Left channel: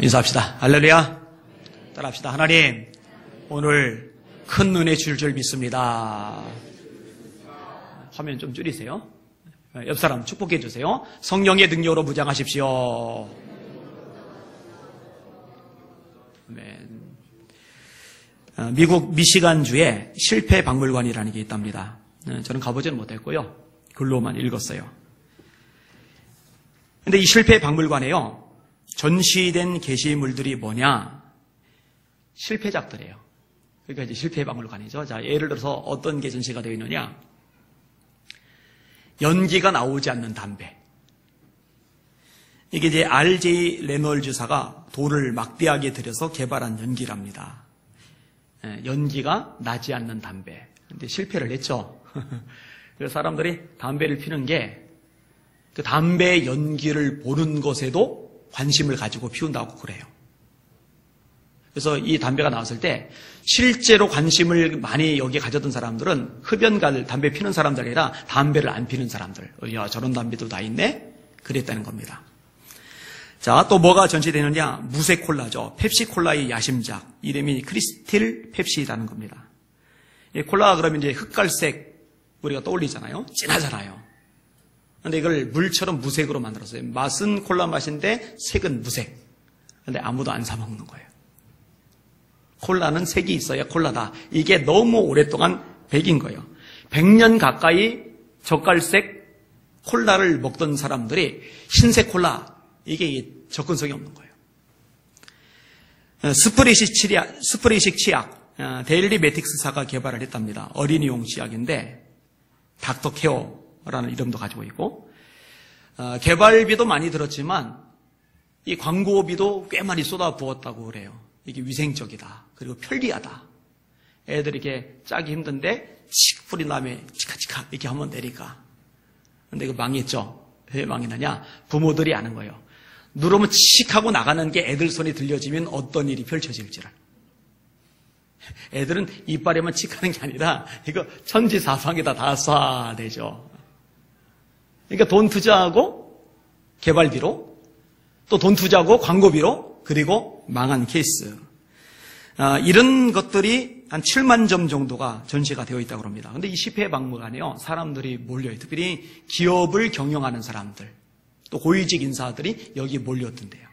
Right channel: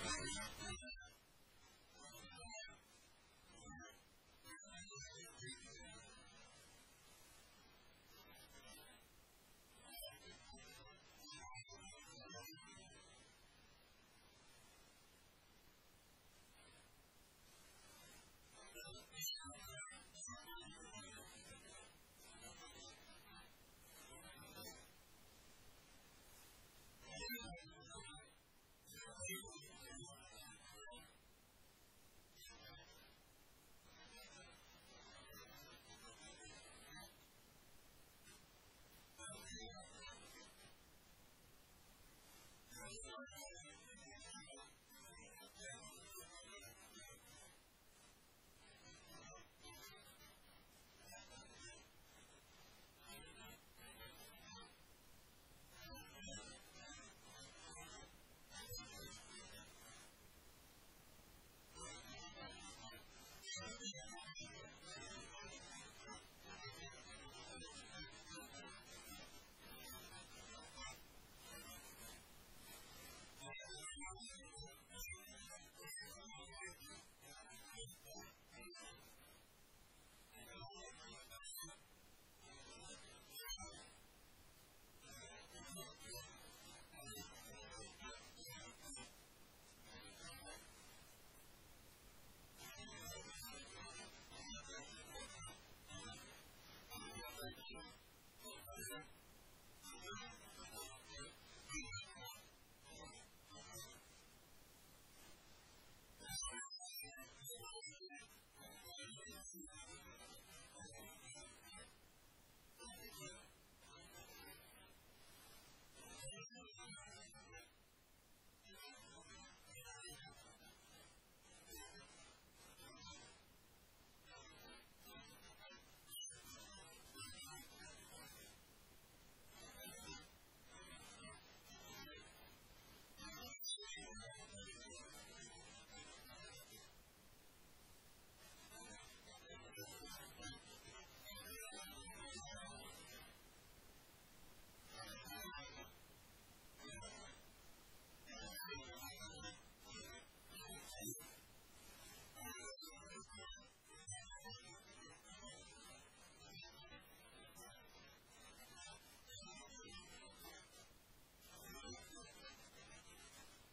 인사합시다. 할렐루야. 따라합시다. 하나님, 오늘 큰 은혜 줄 줄 믿습니다. 화면 좀 줄이세요. 옆 사람 축복해 주세요. 성령의 능력으로 무장하십시오. 아멘. 미국 미시간주에 실패박물관이라는 게 있답니다. 저는 가보지는 못했고요. 글로만 읽었어요. 근데 이 실패박물관에요, 전시된 게시물들이 뭐냐? 실패작들이에요. 그러니까 이제 실패박물관이죠. 자, 예를 들어서 어떤 게 전시가 되어 있느냐? 연기가 나오지 않는 담배. 이게 이제 R.J. 레놀즈사가 돌을 막대하게 들여서 개발한 연기랍니다. 연기가 나지 않는 담배. 근데 실패를 했죠. 그래서 사람들이 담배를 피는 게 그 담배 연기를 보는 것에도 관심을 가지고 피운다고 그래요. 그래서 이 담배가 나왔을 때 실제로 관심을 많이 여기에 가졌던 사람들은 흡연가들, 담배 피는 사람들이 아니라 담배를 안 피는 사람들. 야, 저런 담배도 다 있네? 그랬다는 겁니다. 자, 또 뭐가 전시되느냐? 무쇠콜라죠. 펩시콜라의 야심작. 이름이 크리스틸 펩시라는 겁니다. 이 콜라가 그러면 이제 흑갈색 우리가 떠올리잖아요. 진하잖아요. 근데 이걸 물처럼 무색으로 만들었어요. 맛은 콜라 맛인데 색은 무색. 근데 아무도 안 사 먹는 거예요. 콜라는 색이 있어야 콜라다. 이게 너무 오랫동안 백인 거예요. 100년 가까이 젓갈색 콜라를 먹던 사람들이 흰색 콜라, 이게 접근성이 없는 거예요. 스프레이식 치약, 데일리 매틱스사가 개발을 했답니다. 어린이용 치약인데 닥터케어라는 이름도 가지고 있고, 개발비도 많이 들었지만 이 광고비도 꽤 많이 쏟아부었다고 그래요. 이게 위생적이다. 그리고 편리하다. 애들이 이렇게 짜기 힘든데 칙 뿌린 다음에 치카치카 이렇게 하면 되니까. 근데 이거 망했죠. 왜 망했느냐? 부모들이 아는 거예요. 누르면 칙 하고 나가는 게 애들 손이 들려지면 어떤 일이 펼쳐질지를. 애들은 이빨에만 칙 하는 게 아니라 이거 천지사방에다 다 쏴대죠. 그러니까 돈 투자하고 개발비로, 또 돈 투자하고 광고비로, 그리고 망한 케이스. 이런 것들이 한 7만 점 정도가 전시가 되어 있다고 합니다. 근데 이 실패박물관에요, 사람들이 몰려요. 특별히 기업을 경영하는 사람들, 또 고위직 인사들이 여기 몰렸던데요.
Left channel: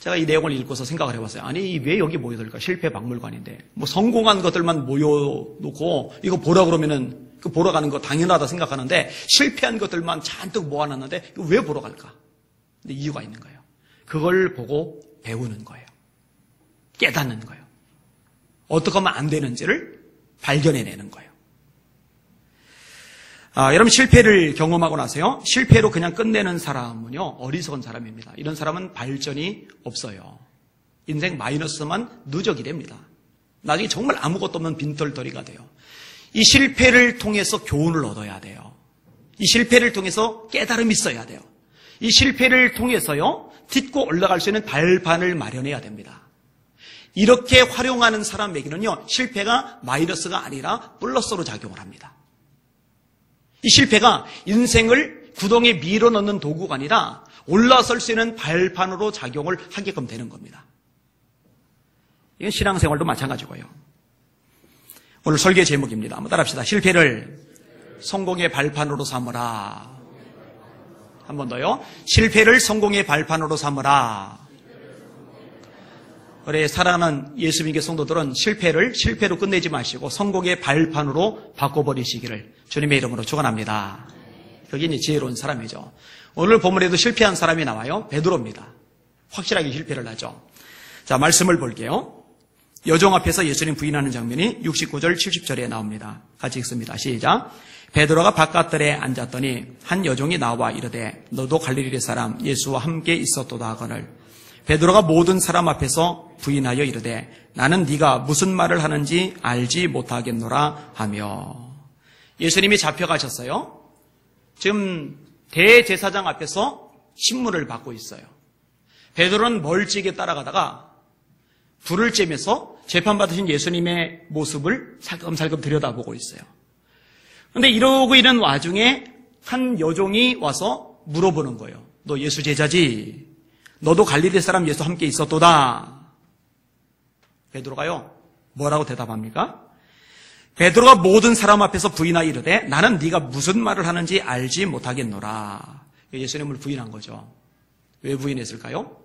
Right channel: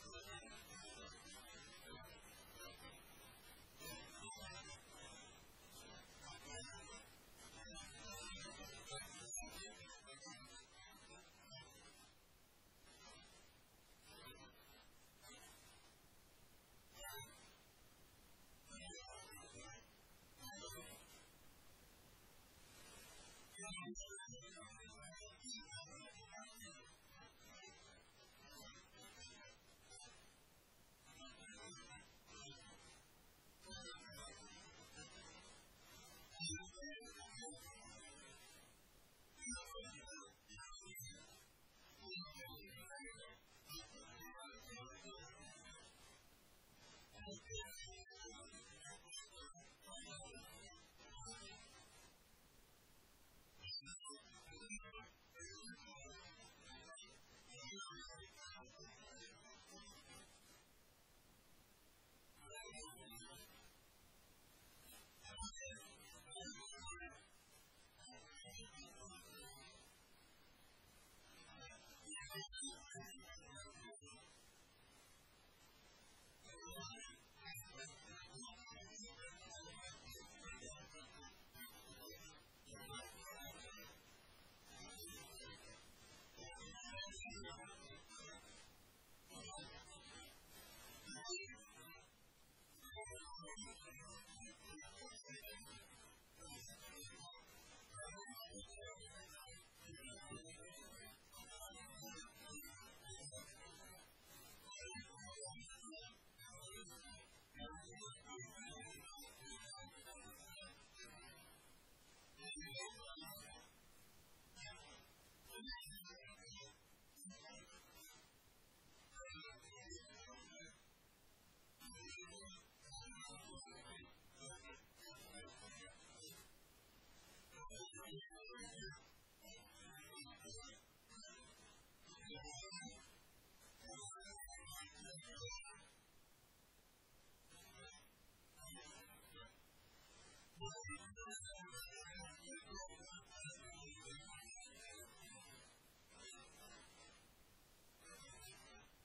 제가 이 내용을 읽고서 생각을 해봤어요. 아니, 왜 여기 모여들까? 실패박물관인데. 뭐 성공한 것들만 모여놓고 이거 보라 그러면은 그 보러 가는 거 당연하다 생각하는데, 실패한 것들만 잔뜩 모아놨는데 이거 왜 보러 갈까? 근데 이유가 있는 거예요. 그걸 보고 배우는 거예요. 깨닫는 거예요. 어떻게 하면 안 되는지를 발견해내는 거예요. 여러분, 실패를 경험하고 나서요, 실패로 그냥 끝내는 사람은요, 어리석은 사람입니다. 이런 사람은 발전이 없어요. 인생 마이너스만 누적이 됩니다. 나중에 정말 아무것도 없는 빈털터리가 돼요. 이 실패를 통해서 교훈을 얻어야 돼요. 이 실패를 통해서 깨달음이 있어야 돼요. 이 실패를 통해서요, 딛고 올라갈 수 있는 발판을 마련해야 됩니다. 이렇게 활용하는 사람에게는요, 실패가 마이너스가 아니라 플러스로 작용을 합니다. 이 실패가 인생을 구덩이에 밀어넣는 도구가 아니라 올라설 수 있는 발판으로 작용을 하게끔 되는 겁니다. 이건 신앙생활도 마찬가지고요. 오늘 설계 제목입니다. 한번 따라합시다. 실패를 성공의 발판으로 삼으라. 한 번 더요. 실패를 성공의 발판으로 삼으라. 우리 사랑하는 예수 믿는 성도들은 실패로 끝내지 마시고 성공의 발판으로 바꿔버리시기를 주님의 이름으로 축원합니다. 여기 이제 지혜로운 사람이죠. 오늘 본문에도 실패한 사람이 나와요. 베드로입니다. 확실하게 실패를 하죠. 자, 말씀을 볼게요. 여종 앞에서 예수님 부인하는 장면이 69절 70절에 나옵니다. 같이 읽습니다. 시작. 베드로가 바깥들에 앉았더니 한 여종이 나와 이르되 너도 갈릴리 사람 예수와 함께 있었도다 하거늘 베드로가 모든 사람 앞에서 부인하여 이르되 나는 네가 무슨 말을 하는지 알지 못하겠노라 하며. 예수님이 잡혀가셨어요. 지금 대제사장 앞에서 신문을 받고 있어요. 베드로는 멀찍이 따라가다가 불을 쬐면서 재판받으신 예수님의 모습을 살금살금 들여다보고 있어요. 그런데 이러고 있는 와중에 한 여종이 와서 물어보는 거예요. 너 예수 제자지? 너도 갈릴리 사람 예수 함께 있었도다. 베드로가요, 뭐라고 대답합니까? 베드로가 모든 사람 앞에서 부인하여 이르되 나는 네가 무슨 말을 하는지 알지 못하겠노라. 예수님을 부인한 거죠. 왜 부인했을까요?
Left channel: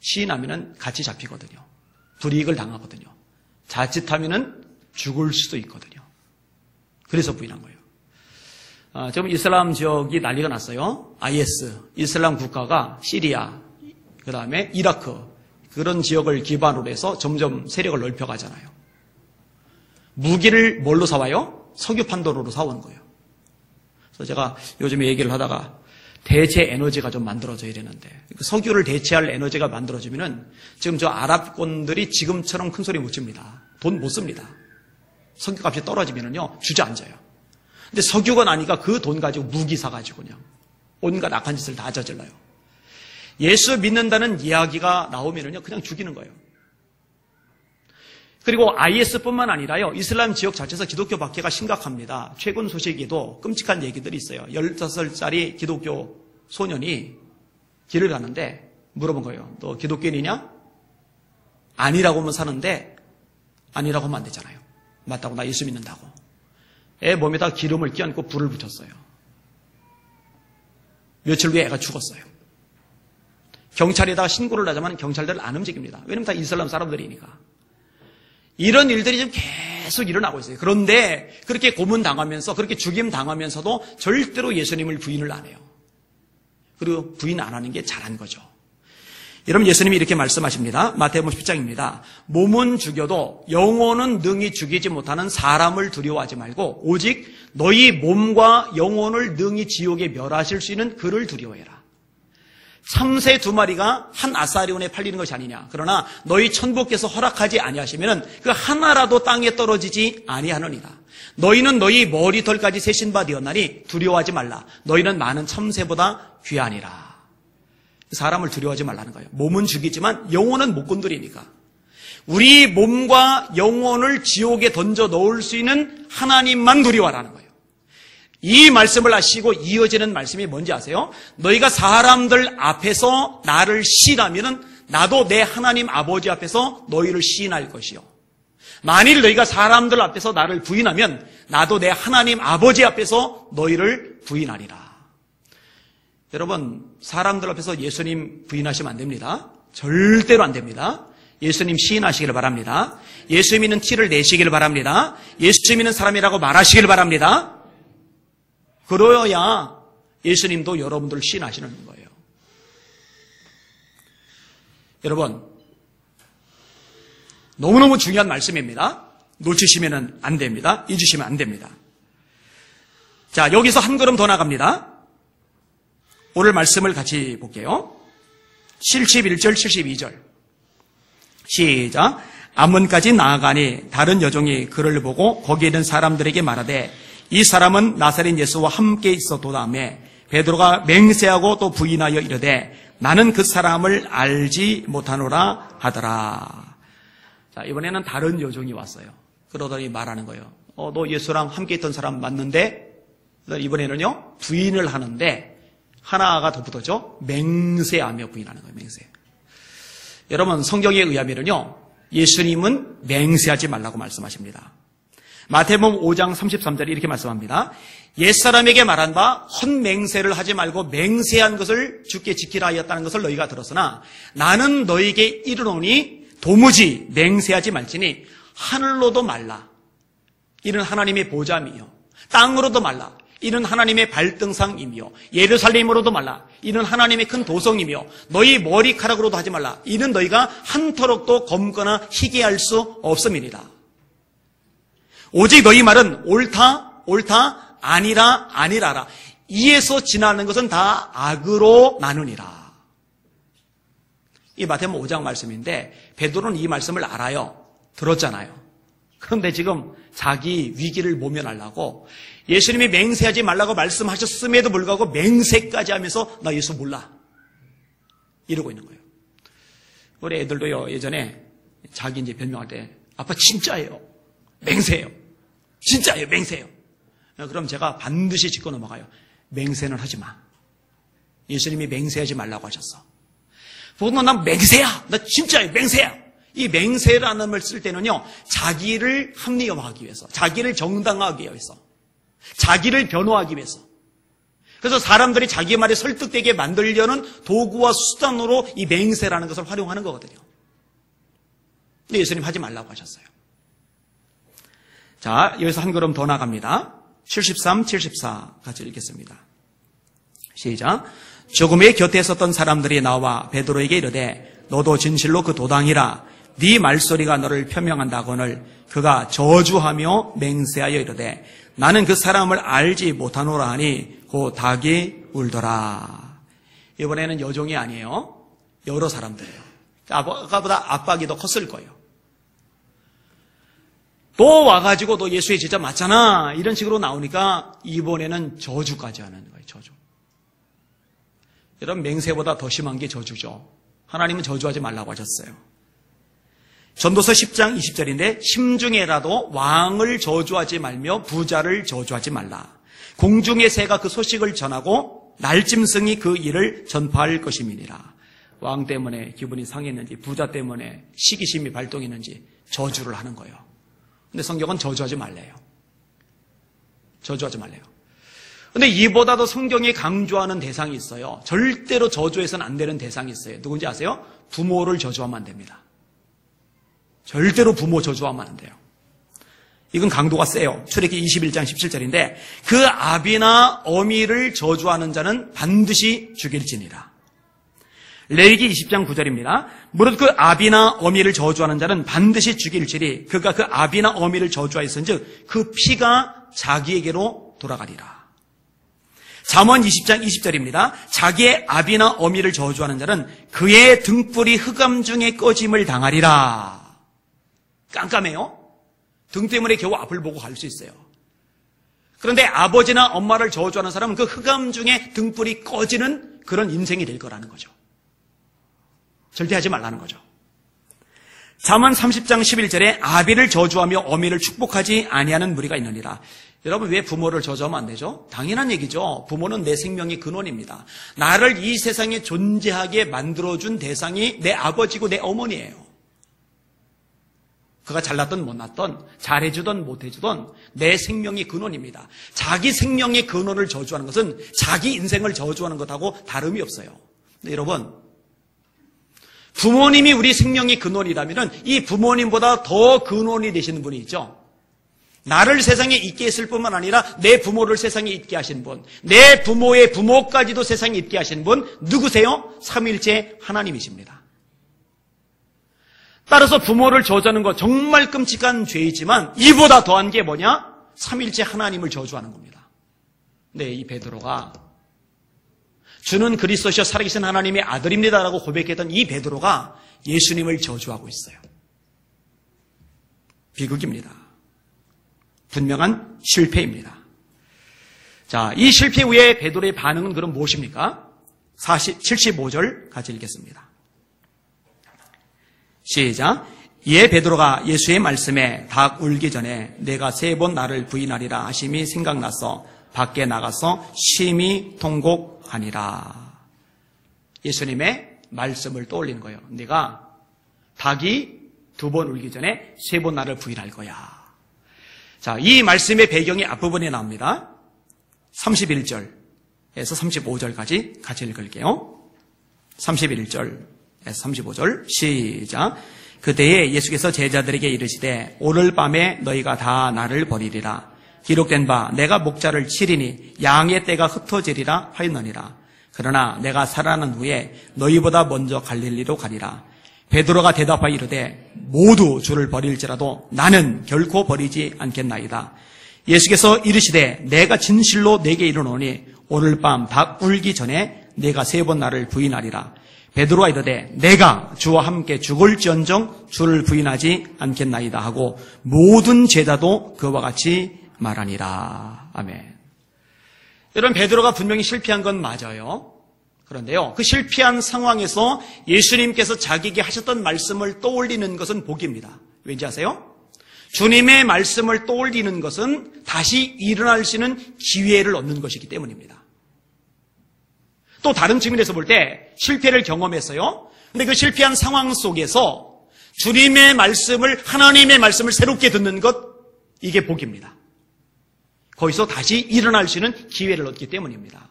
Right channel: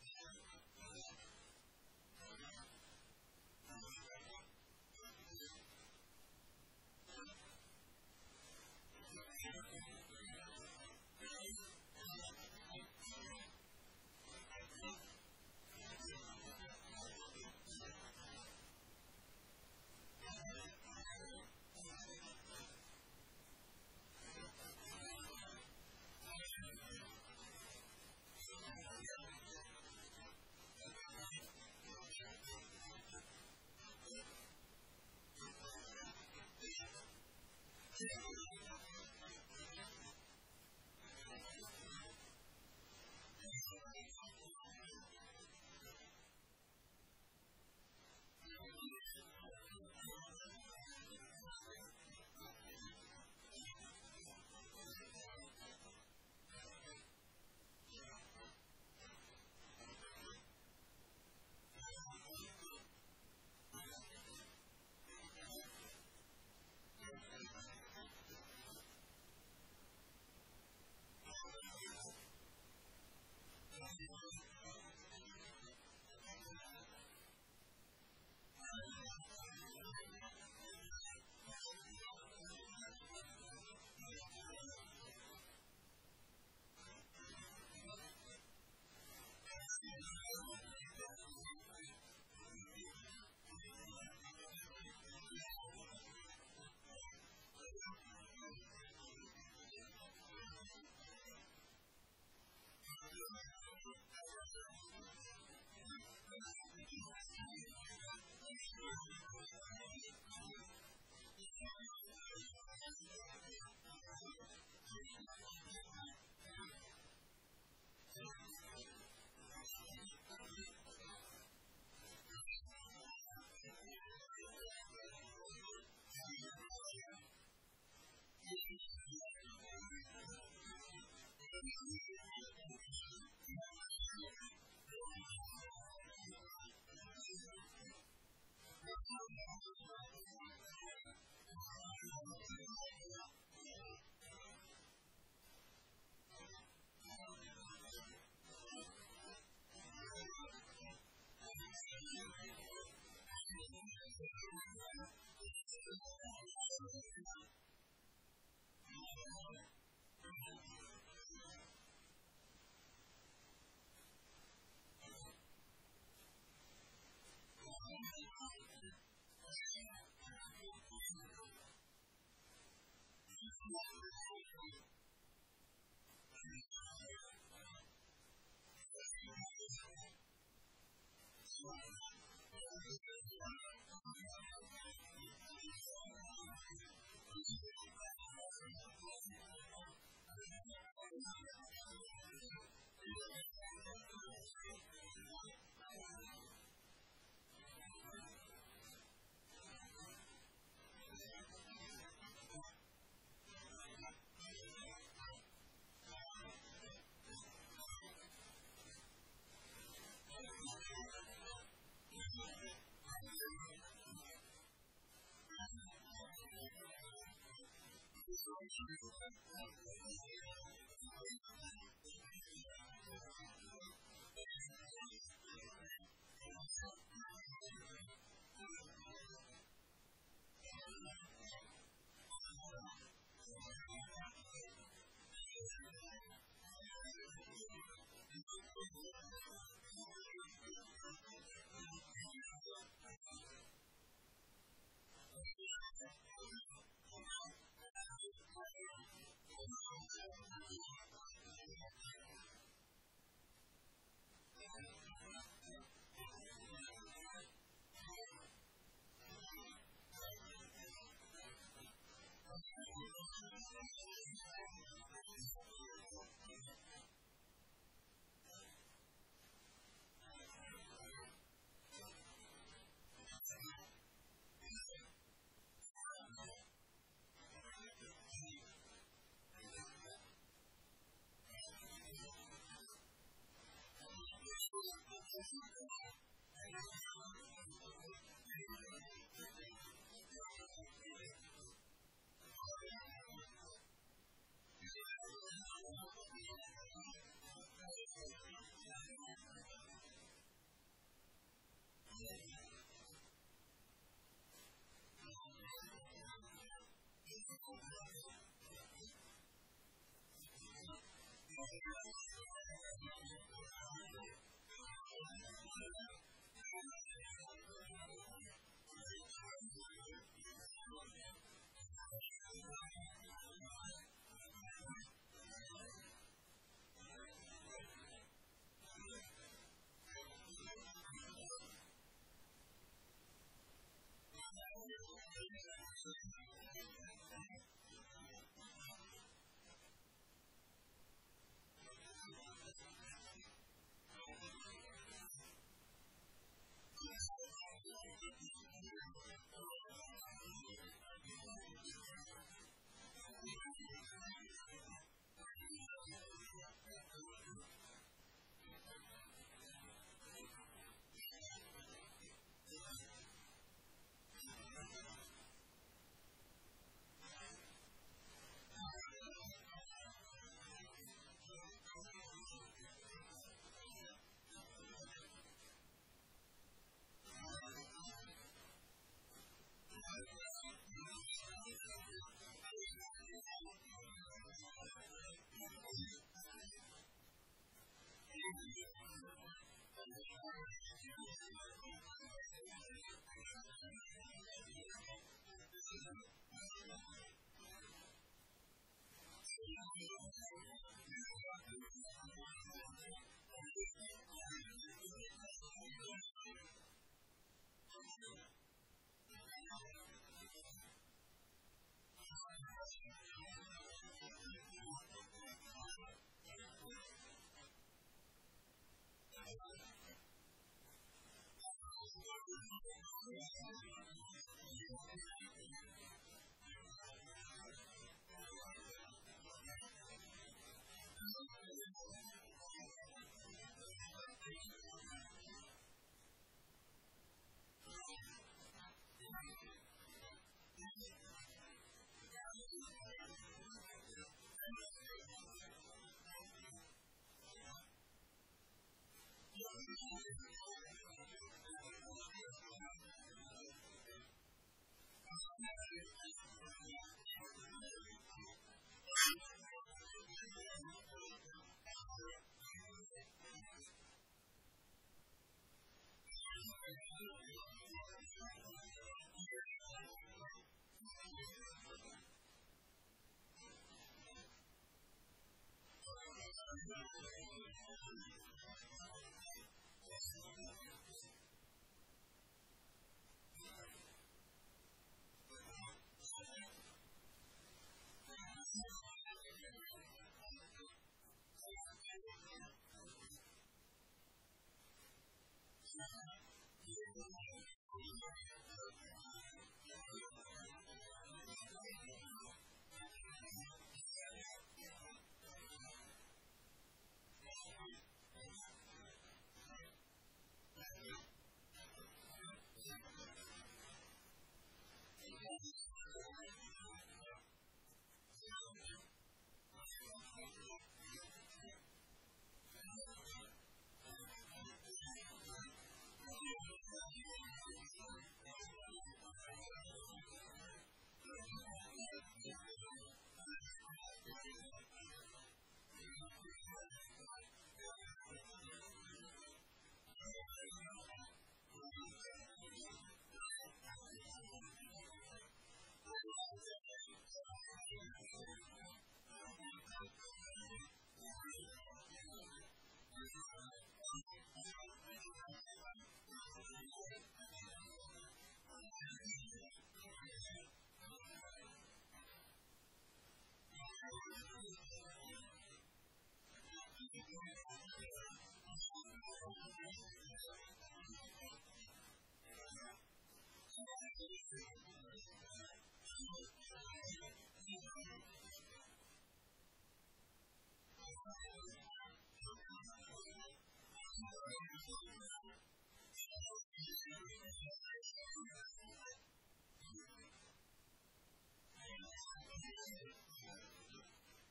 시인하면은 같이 잡히거든요. 불이익을 당하거든요. 자칫하면은 죽을 수도 있거든요. 그래서 부인한 거예요. 지금 이슬람 지역이 난리가 났어요. IS, 이슬람 국가가 시리아, 그 다음에 이라크, 그런 지역을 기반으로 해서 점점 세력을 넓혀가잖아요. 무기를 뭘로 사와요? 석유 판도로로 사오는 거예요. 그래서 제가 요즘에 얘기를 하다가 대체 에너지가 좀 만들어져야 되는데, 석유를 대체할 에너지가 만들어지면은 지금 저 아랍권들이 지금처럼 큰 소리 못 칩니다. 돈 못 씁니다. 석유값이 떨어지면은요, 주저앉아요. 근데 석유가 나니까 그 돈 가지고 무기 사가지고 그냥 온갖 악한 짓을 다 저질러요. 예수 믿는다는 이야기가 나오면은요, 그냥 죽이는 거예요. 그리고 IS뿐만 아니라요, 이슬람 지역 자체에서 기독교 박해가 심각합니다. 최근 소식에도 끔찍한 얘기들이 있어요. 15살짜리 기독교 소년이 길을 가는데 물어본 거예요. 너 기독교인이냐? 아니라고 하면 사는데 아니라고 하면 안 되잖아요. 맞다고, 나 예수 믿는다고. 애 몸에다 기름을 끼얹고 불을 붙였어요. 며칠 후에 애가 죽었어요. 경찰에다가 신고를 하자면 경찰들은 안 움직입니다. 왜냐면 다 이슬람 사람들이니까. 이런 일들이 지금 계속 일어나고 있어요. 그런데 그렇게 고문당하면서, 그렇게 죽임당하면서도 절대로 예수님을 부인을 안 해요. 그리고 부인 안 하는 게 잘한 거죠. 여러분, 예수님이 이렇게 말씀하십니다. 마태복음 10장입니다. 몸은 죽여도 영혼은 능히 죽이지 못하는 사람을 두려워하지 말고 오직 너희 몸과 영혼을 능히 지옥에 멸하실 수 있는 그를 두려워해라. 참새 2마리가 한 아사리온에 팔리는 것이 아니냐. 그러나 너희 천부께서 허락하지 아니하시면 그 하나라도 땅에 떨어지지 아니하느니라. 너희는 너희 머리털까지 세신 바 되었나니 두려워하지 말라. 너희는 많은 참새보다 귀하니라. 사람을 두려워하지 말라는 거예요. 몸은 죽이지만 영혼은 못 건드리니까. 우리 몸과 영혼을 지옥에 던져 넣을 수 있는 하나님만 두려워하라는 거예요. 이 말씀을 하시고 이어지는 말씀이 뭔지 아세요? 너희가 사람들 앞에서 나를 시인하면 나도 내 하나님 아버지 앞에서 너희를 시인할 것이요. 만일 너희가 사람들 앞에서 나를 부인하면 나도 내 하나님 아버지 앞에서 너희를 부인하리라. 여러분, 사람들 앞에서 예수님 부인하시면 안 됩니다. 절대로 안 됩니다. 예수님 시인하시기를 바랍니다. 예수 믿는 티를 내시기를 바랍니다. 예수 믿는 사람이라고 말하시기를 바랍니다. 그러야 예수님도 여러분들을 시인하시는 거예요. 여러분, 너무너무 중요한 말씀입니다. 놓치시면 안 됩니다. 잊으시면 안 됩니다. 자, 여기서 한 걸음 더 나갑니다. 오늘 말씀을 같이 볼게요. 71절, 72절. 시작. 암문까지 나아가니 다른 여종이 그를 보고 거기에 있는 사람들에게 말하되 이 사람은 나사렛 예수와 함께 있었도다며 베드로가 맹세하고 또 부인하여 이르되 나는 그 사람을 알지 못하노라 하더라. 자, 이번에는 다른 여종이 왔어요. 그러더니 말하는 거예요. 너 예수랑 함께 있던 사람 맞는데? 이번에는요, 부인을 하는데 하나가 더 붙었죠. 맹세하며 부인하는 거예요. 맹세. 여러분, 성경에 의하면요, 예수님은 맹세하지 말라고 말씀하십니다. 마태복음 5장 33절에 이렇게 말씀합니다. 옛사람에게 말한 바 헛맹세를 하지 말고 맹세한 것을 주께 지키라 하였다는 것을 너희가 들었으나 나는 너희에게 이르노니 도무지 맹세하지 말지니 하늘로도 말라. 이는 하나님의 보좌이며 땅으로도 말라. 이는 하나님의 발등상이며 예루살렘으로도 말라. 이는 하나님의 큰 도성이며 너희 머리카락으로도 하지 말라. 이는 너희가 한터럭도 검거나 희게할 수 없음이니라. 오직 너희 말은 옳다, 옳다, 아니라, 아니라라. 이에서 지나는 것은 다 악으로 나누니라. 이 마태복음 5장 말씀인데 베드로는 이 말씀을 알아요. 들었잖아요. 그런데 지금 자기 위기를 모면하려고 예수님이 맹세하지 말라고 말씀하셨음에도 불구하고 맹세까지 하면서 나 예수 몰라 이러고 있는 거예요. 우리 애들도요, 예전에 자기 이제 변명할 때 아빠 진짜예요, 맹세예요, 진짜예요, 맹세예요. 그럼 제가 반드시 짚고 넘어가요. 맹세는 하지 마. 예수님이 맹세하지 말라고 하셨어. 보통 난 맹세야. 나 진짜 맹세야. 이 맹세라는 말을 쓸 때는요, 자기를 합리화하기 위해서, 자기를 정당화하기 위해서, 자기를 변호하기 위해서. 그래서 사람들이 자기 말에 설득되게 만들려는 도구와 수단으로 이 맹세라는 것을 활용하는 거거든요. 근데 예수님 하지 말라고 하셨어요. 자, 여기서 한 걸음 더 나갑니다. 73, 74 같이 읽겠습니다. 시작. 조금의 곁에 있었던 사람들이 나와 베드로에게 이르되 너도 진실로 그 도당이라 네 말소리가 너를 표명한다거늘 그가 저주하며 맹세하여 이르되 나는 그 사람을 알지 못하노라 하니 곧 닭이 울더라. 이번에는 여종이 아니에요. 여러 사람들이에요. 아까보다 압박이 더 컸을 거예요. 또 와가지고 너 예수의 제자 맞잖아 이런 식으로 나오니까 이번에는 저주까지 하는 거예요. 저주. 여러분, 맹세보다 더 심한 게 저주죠. 하나님은 저주하지 말라고 하셨어요. 전도서 10장 20절인데 심중에라도 왕을 저주하지 말며 부자를 저주하지 말라. 공중의 새가 그 소식을 전하고 날짐승이 그 일을 전파할 것임이니라. 왕 때문에 기분이 상했는지 부자 때문에 시기심이 발동했는지 저주를 하는 거예요. 근데 성경은 저주하지 말래요. 저주하지 말래요. 근데 이보다도 성경이 강조하는 대상이 있어요. 절대로 저주해서는 안 되는 대상이 있어요. 누군지 아세요? 부모를 저주하면 안 됩니다. 절대로 부모 저주하면 안 돼요. 이건 강도가 세요. 출애굽기 21장 17절인데 그 아비나 어미를 저주하는 자는 반드시 죽일지니라. 레위기 20장 9절입니다. 무릇 그 아비나 어미를 저주하는 자는 반드시 죽일지니 그가 그 아비나 어미를 저주하였은즉 그 피가 자기에게로 돌아가리라. 잠언 20장 20절입니다. 자기의 아비나 어미를 저주하는 자는 그의 등불이 흑암 중에 꺼짐을 당하리라. 깜깜해요. 등 때문에 겨우 앞을 보고 갈 수 있어요. 그런데 아버지나 엄마를 저주하는 사람은 그 흑암 중에 등불이 꺼지는 그런 인생이 될 거라는 거죠. 절대 하지 말라는 거죠. 잠언 30장 11절에 아비를 저주하며 어미를 축복하지 아니하는 무리가 있느니라. 여러분, 왜 부모를 저주하면 안 되죠? 당연한 얘기죠. 부모는 내 생명의 근원입니다. 나를 이 세상에 존재하게 만들어준 대상이 내 아버지고 내 어머니예요. 그가 잘났던 못났던 잘해주던 못해주던 내 생명의 근원입니다. 자기 생명의 근원을 저주하는 것은 자기 인생을 저주하는 것하고 다름이 없어요. 근데 여러분, 부모님이 우리 생명의 근원이라면 이 부모님보다 더 근원이 되시는 분이 있죠. 나를 세상에 있게 했을 뿐만 아니라 내 부모를 세상에 있게 하신 분, 내 부모의 부모까지도 세상에 있게 하신 분 누구세요? 삼위일체 하나님이십니다. 따라서 부모를 저주하는 것 정말 끔찍한 죄이지만 이보다 더한 게 뭐냐? 삼위일체 하나님을 저주하는 겁니다. 네, 이 베드로가 주는 그리스도시여 살아계신 하나님의 아들입니다라고 고백했던 이 베드로가 예수님을 저주하고 있어요. 비극입니다. 분명한 실패입니다. 자, 이 실패 후에 베드로의 반응은 그럼 무엇입니까? 75절 같이 읽겠습니다. 시작. 이에 베드로가 예수의 말씀에 닭 울기 전에 내가 3번 나를 부인하리라 하심이 생각나서 밖에 나가서 심히 통곡하니라. 예수님의 말씀을 떠올리는 거예요. 네가 닭이 2번 울기 전에 3번 나를 부인할 거야. 자, 이 말씀의 배경이 앞부분에 나옵니다. 31절에서 35절까지 같이 읽을게요. 31절에서 35절 시작. 그때에 예수께서 제자들에게 이르시되 오늘 밤에 너희가 다 나를 버리리라. 기록된 바 내가 목자를 치리니 양의 떼가 흩어지리라 하였느니라. 그러나 내가 살아난 후에 너희보다 먼저 갈릴리로 가리라. 베드로가 대답하여 이르되 모두 주를 버릴지라도 나는 결코 버리지 않겠나이다. 예수께서 이르시되 내가 진실로 내게 이르노니 오늘 밤 닭 울기 전에 내가 3번 나를 부인하리라. 베드로가 이르되 내가 주와 함께 죽을지언정 주를 부인하지 않겠나이다 하고 모든 제자도 그와 같이 말하니라. 아멘. 여러분, 베드로가 분명히 실패한 건 맞아요. 그런데요, 그 실패한 상황에서 예수님께서 자기에게 하셨던 말씀을 떠올리는 것은 복입니다. 왠지 아세요? 주님의 말씀을 떠올리는 것은 다시 일어날 수 있는 기회를 얻는 것이기 때문입니다. 또 다른 측면에서 볼 때 실패를 경험했어요. 근데 그 실패한 상황 속에서 주님의 말씀을, 하나님의 말씀을 새롭게 듣는 것, 이게 복입니다. 거기서 다시 일어날 수 있는 기회를 얻기 때문입니다.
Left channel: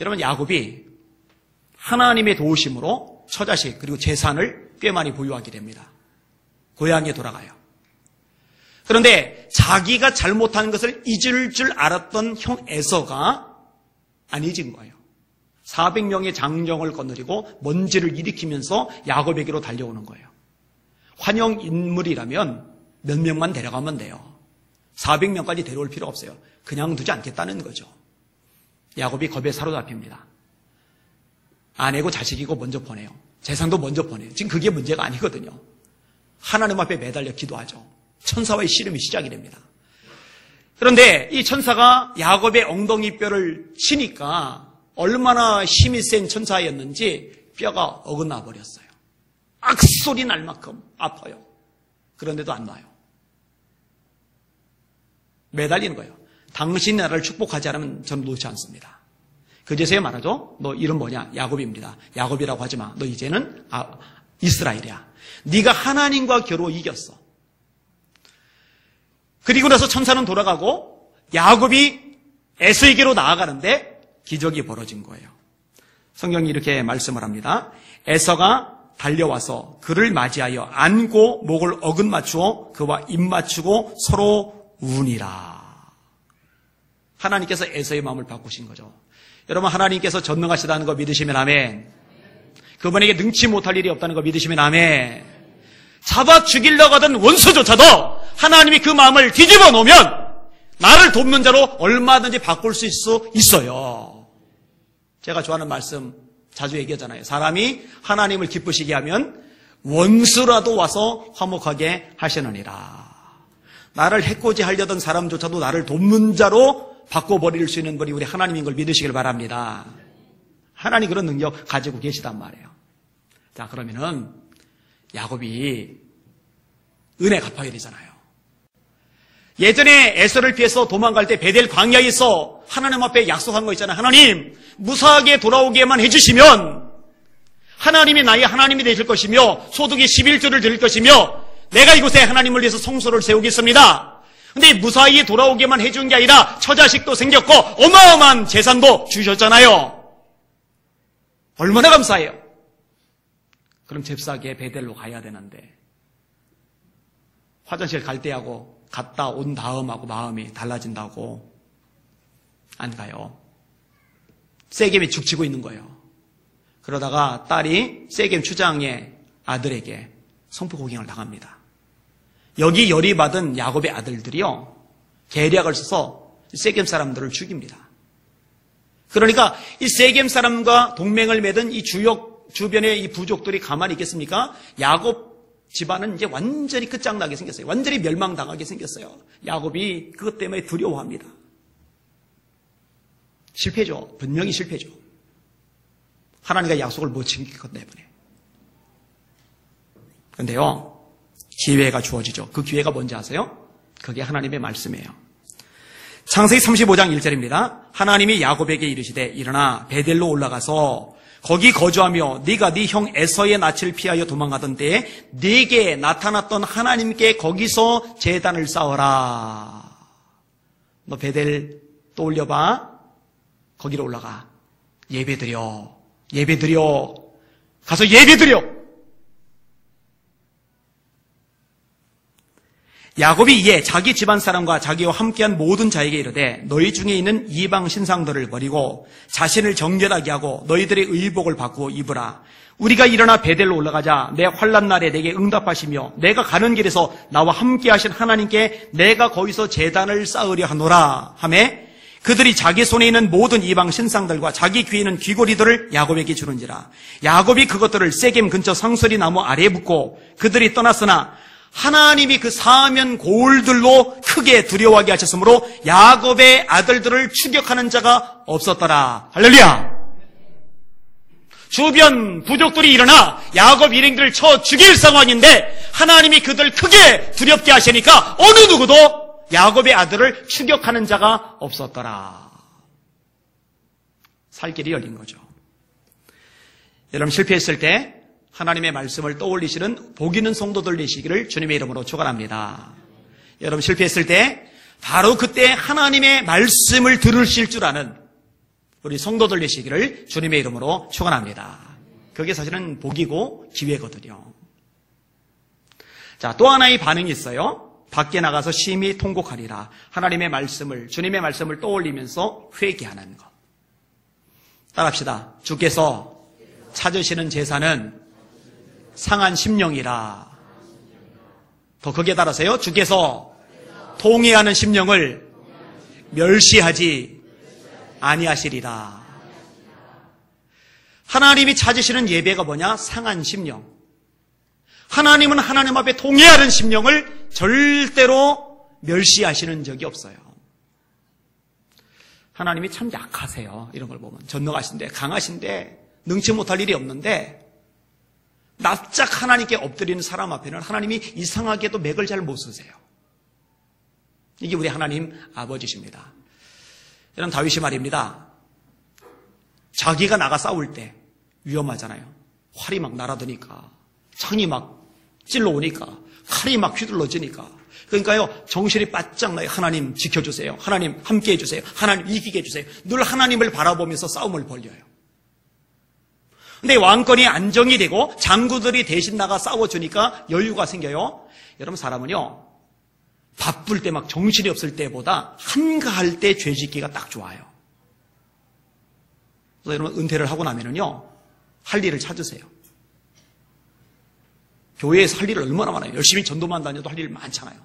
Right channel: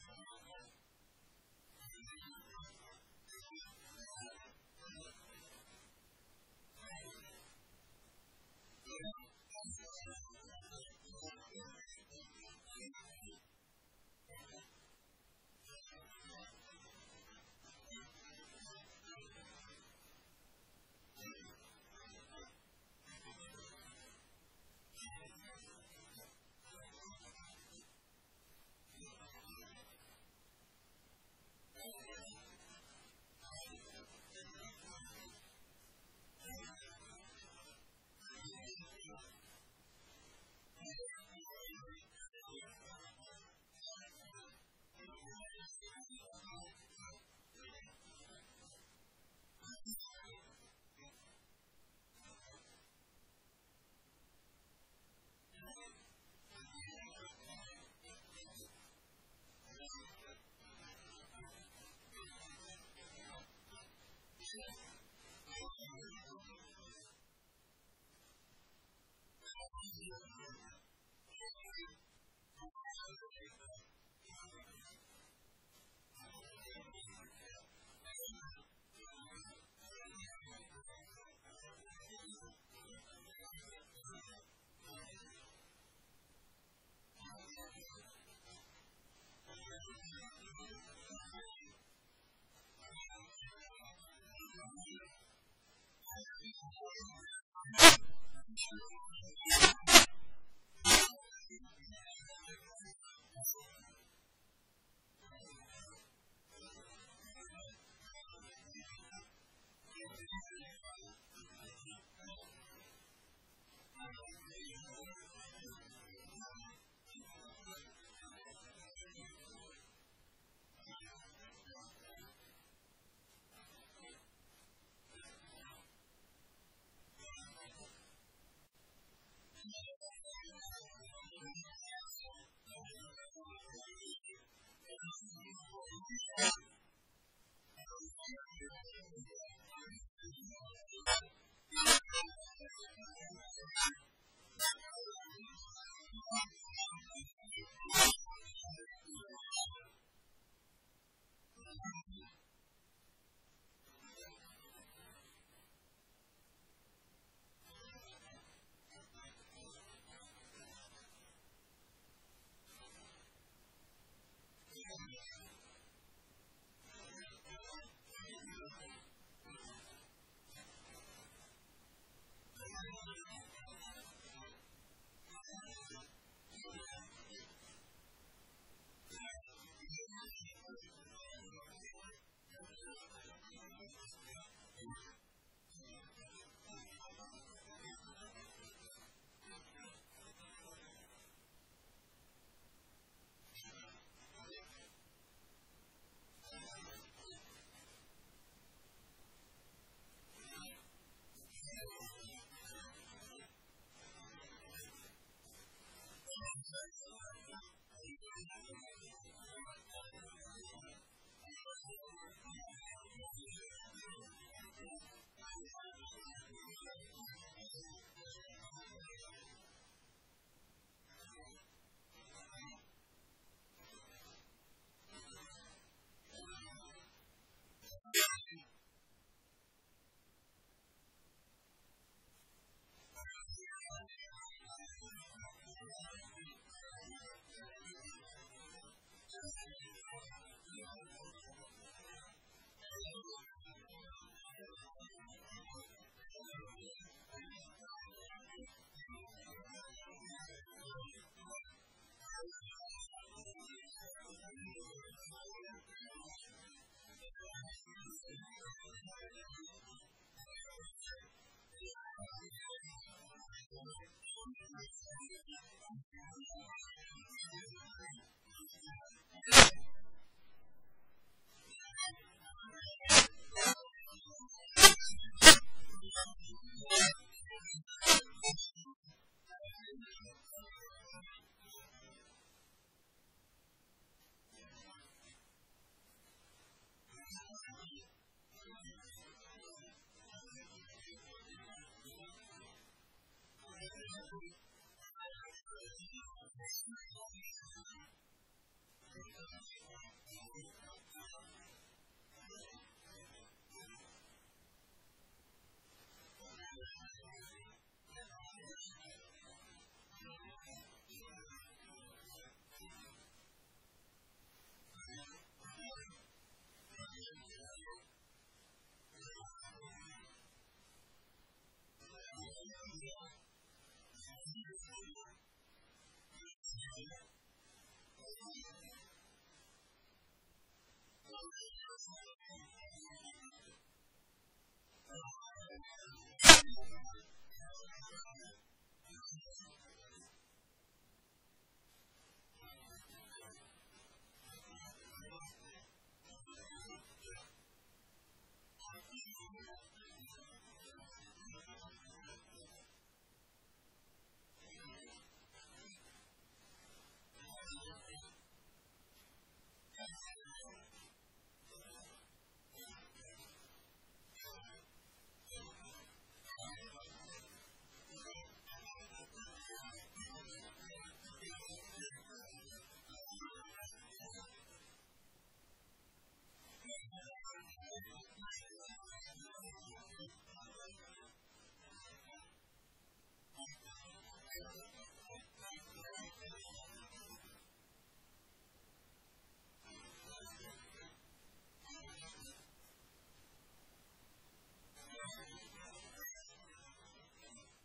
여러분, 야곱이 하나님의 도우심으로 처자식 그리고 재산을 꽤 많이 보유하게 됩니다. 고향에 돌아가요. 그런데 자기가 잘못한 것을 잊을 줄 알았던 형 에서가 안 잊은 거예요. 400명의 장정을 거느리고 먼지를 일으키면서 야곱에게로 달려오는 거예요. 환영 인물이라면 몇 명만 데려가면 돼요. 400명까지 데려올 필요 없어요. 그냥 두지 않겠다는 거죠. 야곱이 겁에 사로잡힙니다. 아내고 자식이고 먼저 보내요. 재산도 먼저 보내요. 지금 그게 문제가 아니거든요. 하나님 앞에 매달려 기도하죠. 천사와의 씨름이 시작이 됩니다. 그런데 이 천사가 야곱의 엉덩이뼈를 치니까 얼마나 힘이 센 천사였는지 뼈가 어긋나 버렸어요. 악소리 날 만큼 아파요. 그런데도 안 놔요. 매달리는 거예요. 당신이 나를 축복하지 않으면 저는 놓지 않습니다. 그제서야 말하죠. 너 이름 뭐냐? 야곱입니다. 야곱이라고 하지 마. 너 이제는 이스라엘이야. 네가 하나님과 겨루 이겼어. 그리고 나서 천사는 돌아가고 야곱이 에서에게로 나아가는데 기적이 벌어진 거예요. 성경이 이렇게 말씀을 합니다. 에서가 달려와서 그를 맞이하여 안고 목을 어긋 맞추어 그와 입 맞추고 서로 우니라. 하나님께서 에서의 마음을 바꾸신 거죠. 여러분, 하나님께서 전능하시다는 거 믿으시면 아멘. 그분에게 능치 못할 일이 없다는 거 믿으시면 아멘. 잡아 죽이려고 하던 원수조차도 하나님이 그 마음을 뒤집어 놓으면 나를 돕는 자로 얼마든지 바꿀 수 있어요. 제가 좋아하는 말씀 자주 얘기하잖아요. 사람이 하나님을 기쁘시게 하면 원수라도 와서 화목하게 하시느니라. 나를 해코지 하려던 사람조차도 나를 돕는 자로 바꿔버릴 수 있는 분이 우리 하나님인 걸 믿으시길 바랍니다. 하나님 그런 능력 가지고 계시단 말이에요. 자, 그러면은 야곱이 은혜 갚아야 되잖아요. 예전에 에서를 피해서 도망갈 때 베델 광야에서 하나님 앞에 약속한 거 있잖아요. 하나님, 무사하게 돌아오게만 해주시면 하나님이 나의 하나님이 되실 것이며 소득의 11조를 드릴 것이며 내가 이곳에 하나님을 위해서 성소를 세우겠습니다. 근데 무사히 돌아오게만 해준 게 아니라 처자식도 생겼고 어마어마한 재산도 주셨잖아요. 얼마나 감사해요. 그럼 잽싸게 베델로 가야 되는데 화장실 갈 때하고 갔다 온 다음하고 마음이 달라진다고 안 가요. 세겜이 죽치고 있는 거예요. 그러다가 딸이 세겜 추장의 아들에게 성포고갱을 당합니다. 여기 열이 받은 야곱의 아들들이요, 계략을 써서 세겜 사람들을 죽입니다. 그러니까 이 세겜 사람과 동맹을 맺은 이 주변의 이 부족들이 가만히 있겠습니까? 야곱 집안은 이제 완전히 끝장나게 생겼어요. 완전히 멸망당하게 생겼어요. 야곱이 그것 때문에 두려워합니다. 실패죠. 분명히 실패죠. 하나님과 약속을 못 지킨 것 때문에. 그런데요, 기회가 주어지죠. 그 기회가 뭔지 아세요? 그게 하나님의 말씀이에요. 창세기 35장 1절입니다. 하나님이 야곱에게 이르시되 일어나 베델로 올라가서 거기 거주하며 네가 네 형 에서의 낯을 피하여 도망가던 때에 네게 나타났던 하나님께 거기서 제단을 쌓아라. 너 베델 떠올려봐. 거기로 올라가. 예배드려. 가서 예배드려. 야곱이 이에 자기 집안 사람과 자기와 함께한 모든 자에게 이르되 너희 중에 있는 이방 신상들을 버리고 자신을 정결하게 하고 너희들의 의복을 바꾸어 입으라. 우리가 일어나 베델로 올라가자. 내 환난 날에 내게 응답하시며 내가 가는 길에서 나와 함께하신 하나님께 내가 거기서 제단을 쌓으려 하노라 하매 그들이 자기 손에 있는 모든 이방 신상들과 자기 귀에 있는 귀고리들을 야곱에게 주는지라. 야곱이 그것들을 세겜 근처 상설이 나무 아래에 붓고 그들이 떠났으나 하나님이 그 사면 고울들로 크게 두려워하게 하셨으므로 야곱의 아들들을 추격하는 자가 없었더라. 할렐루야. 주변 부족들이 일어나 야곱 일행들을 쳐 죽일 상황인데 하나님이 그들 크게 두렵게 하시니까 어느 누구도 야곱의 아들을 추격하는 자가 없었더라. 살 길이 열린 거죠. 여러분 실패했을 때 하나님의 말씀을 떠올리시는 복 있는 성도들 되시기를 주님의 이름으로 축원합니다. 여러분 실패했을 때 바로 그때 하나님의 말씀을 들으실 줄 아는 우리 성도들 되시기를 주님의 이름으로 축원합니다. 그게 사실은 복이고 기회거든요. 자, 또 하나의 반응이 있어요. 밖에 나가서 심히 통곡하리라. 하나님의 말씀을, 주님의 말씀을 떠올리면서 회개하는 것. 따라합시다. 주께서 찾으시는 제사는 상한 심령이라. 더 크게 따라서요. 주께서 통회하는 심령을 멸시하지 아니하시리라. 하나님이 찾으시는 예배가 뭐냐? 상한 심령. 하나님은 하나님 앞에 통회하는 심령을 절대로 멸시하시는 적이 없어요. 하나님이 참 약하세요. 이런 걸 보면 전능하신데 강하신데 능치 못할 일이 없는데 납작 하나님께 엎드리는 사람 앞에는 하나님이 이상하게도 맥을 잘 못 쓰세요. 이게 우리 하나님 아버지십니다. 이런 다윗이 말입니다. 자기가 나가 싸울 때 위험하잖아요. 활이 막 날아드니까 창이 막 찔러오니까 칼이 막 휘둘러지니까 그러니까요 정신이 바짝 나요. 하나님 지켜주세요. 하나님 함께 해주세요. 하나님 이기게 해주세요. 늘 하나님을 바라보면서 싸움을 벌려요. 근데 왕권이 안정이 되고 장구들이 대신 나가 싸워주니까 여유가 생겨요. 여러분 사람은요 바쁠 때 막 정신이 없을 때보다 한가할 때 죄 짓기가 딱 좋아요. 그래서 여러분 은퇴를 하고 나면은요 할 일을 찾으세요. 교회에서 할 일을 얼마나 많아요. 열심히 전도만 다녀도 할 일 많잖아요.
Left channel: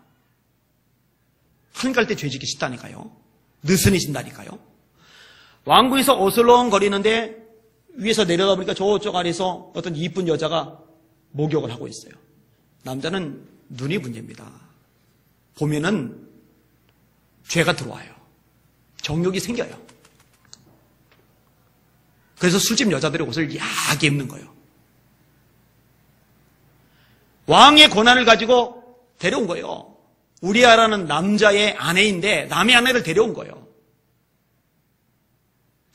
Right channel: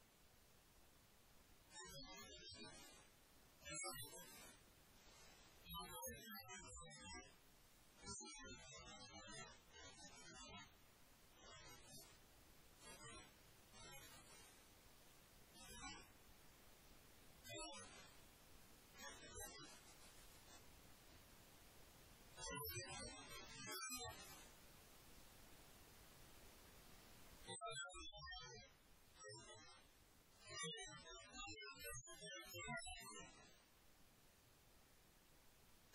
한가할 때 죄 짓기 쉽다니까요. 느슨해진다니까요. 왕궁에서 어슬렁거리는데 위에서 내려다보니까 저쪽 아래에서 어떤 이쁜 여자가 목욕을 하고 있어요. 남자는 눈이 문제입니다. 보면은 죄가 들어와요. 정욕이 생겨요. 그래서 술집 여자들의 옷을 야하게 입는 거예요. 왕의 권한을 가지고 데려온 거예요. 우리아라는 남자의 아내인데 남의 아내를 데려온 거예요.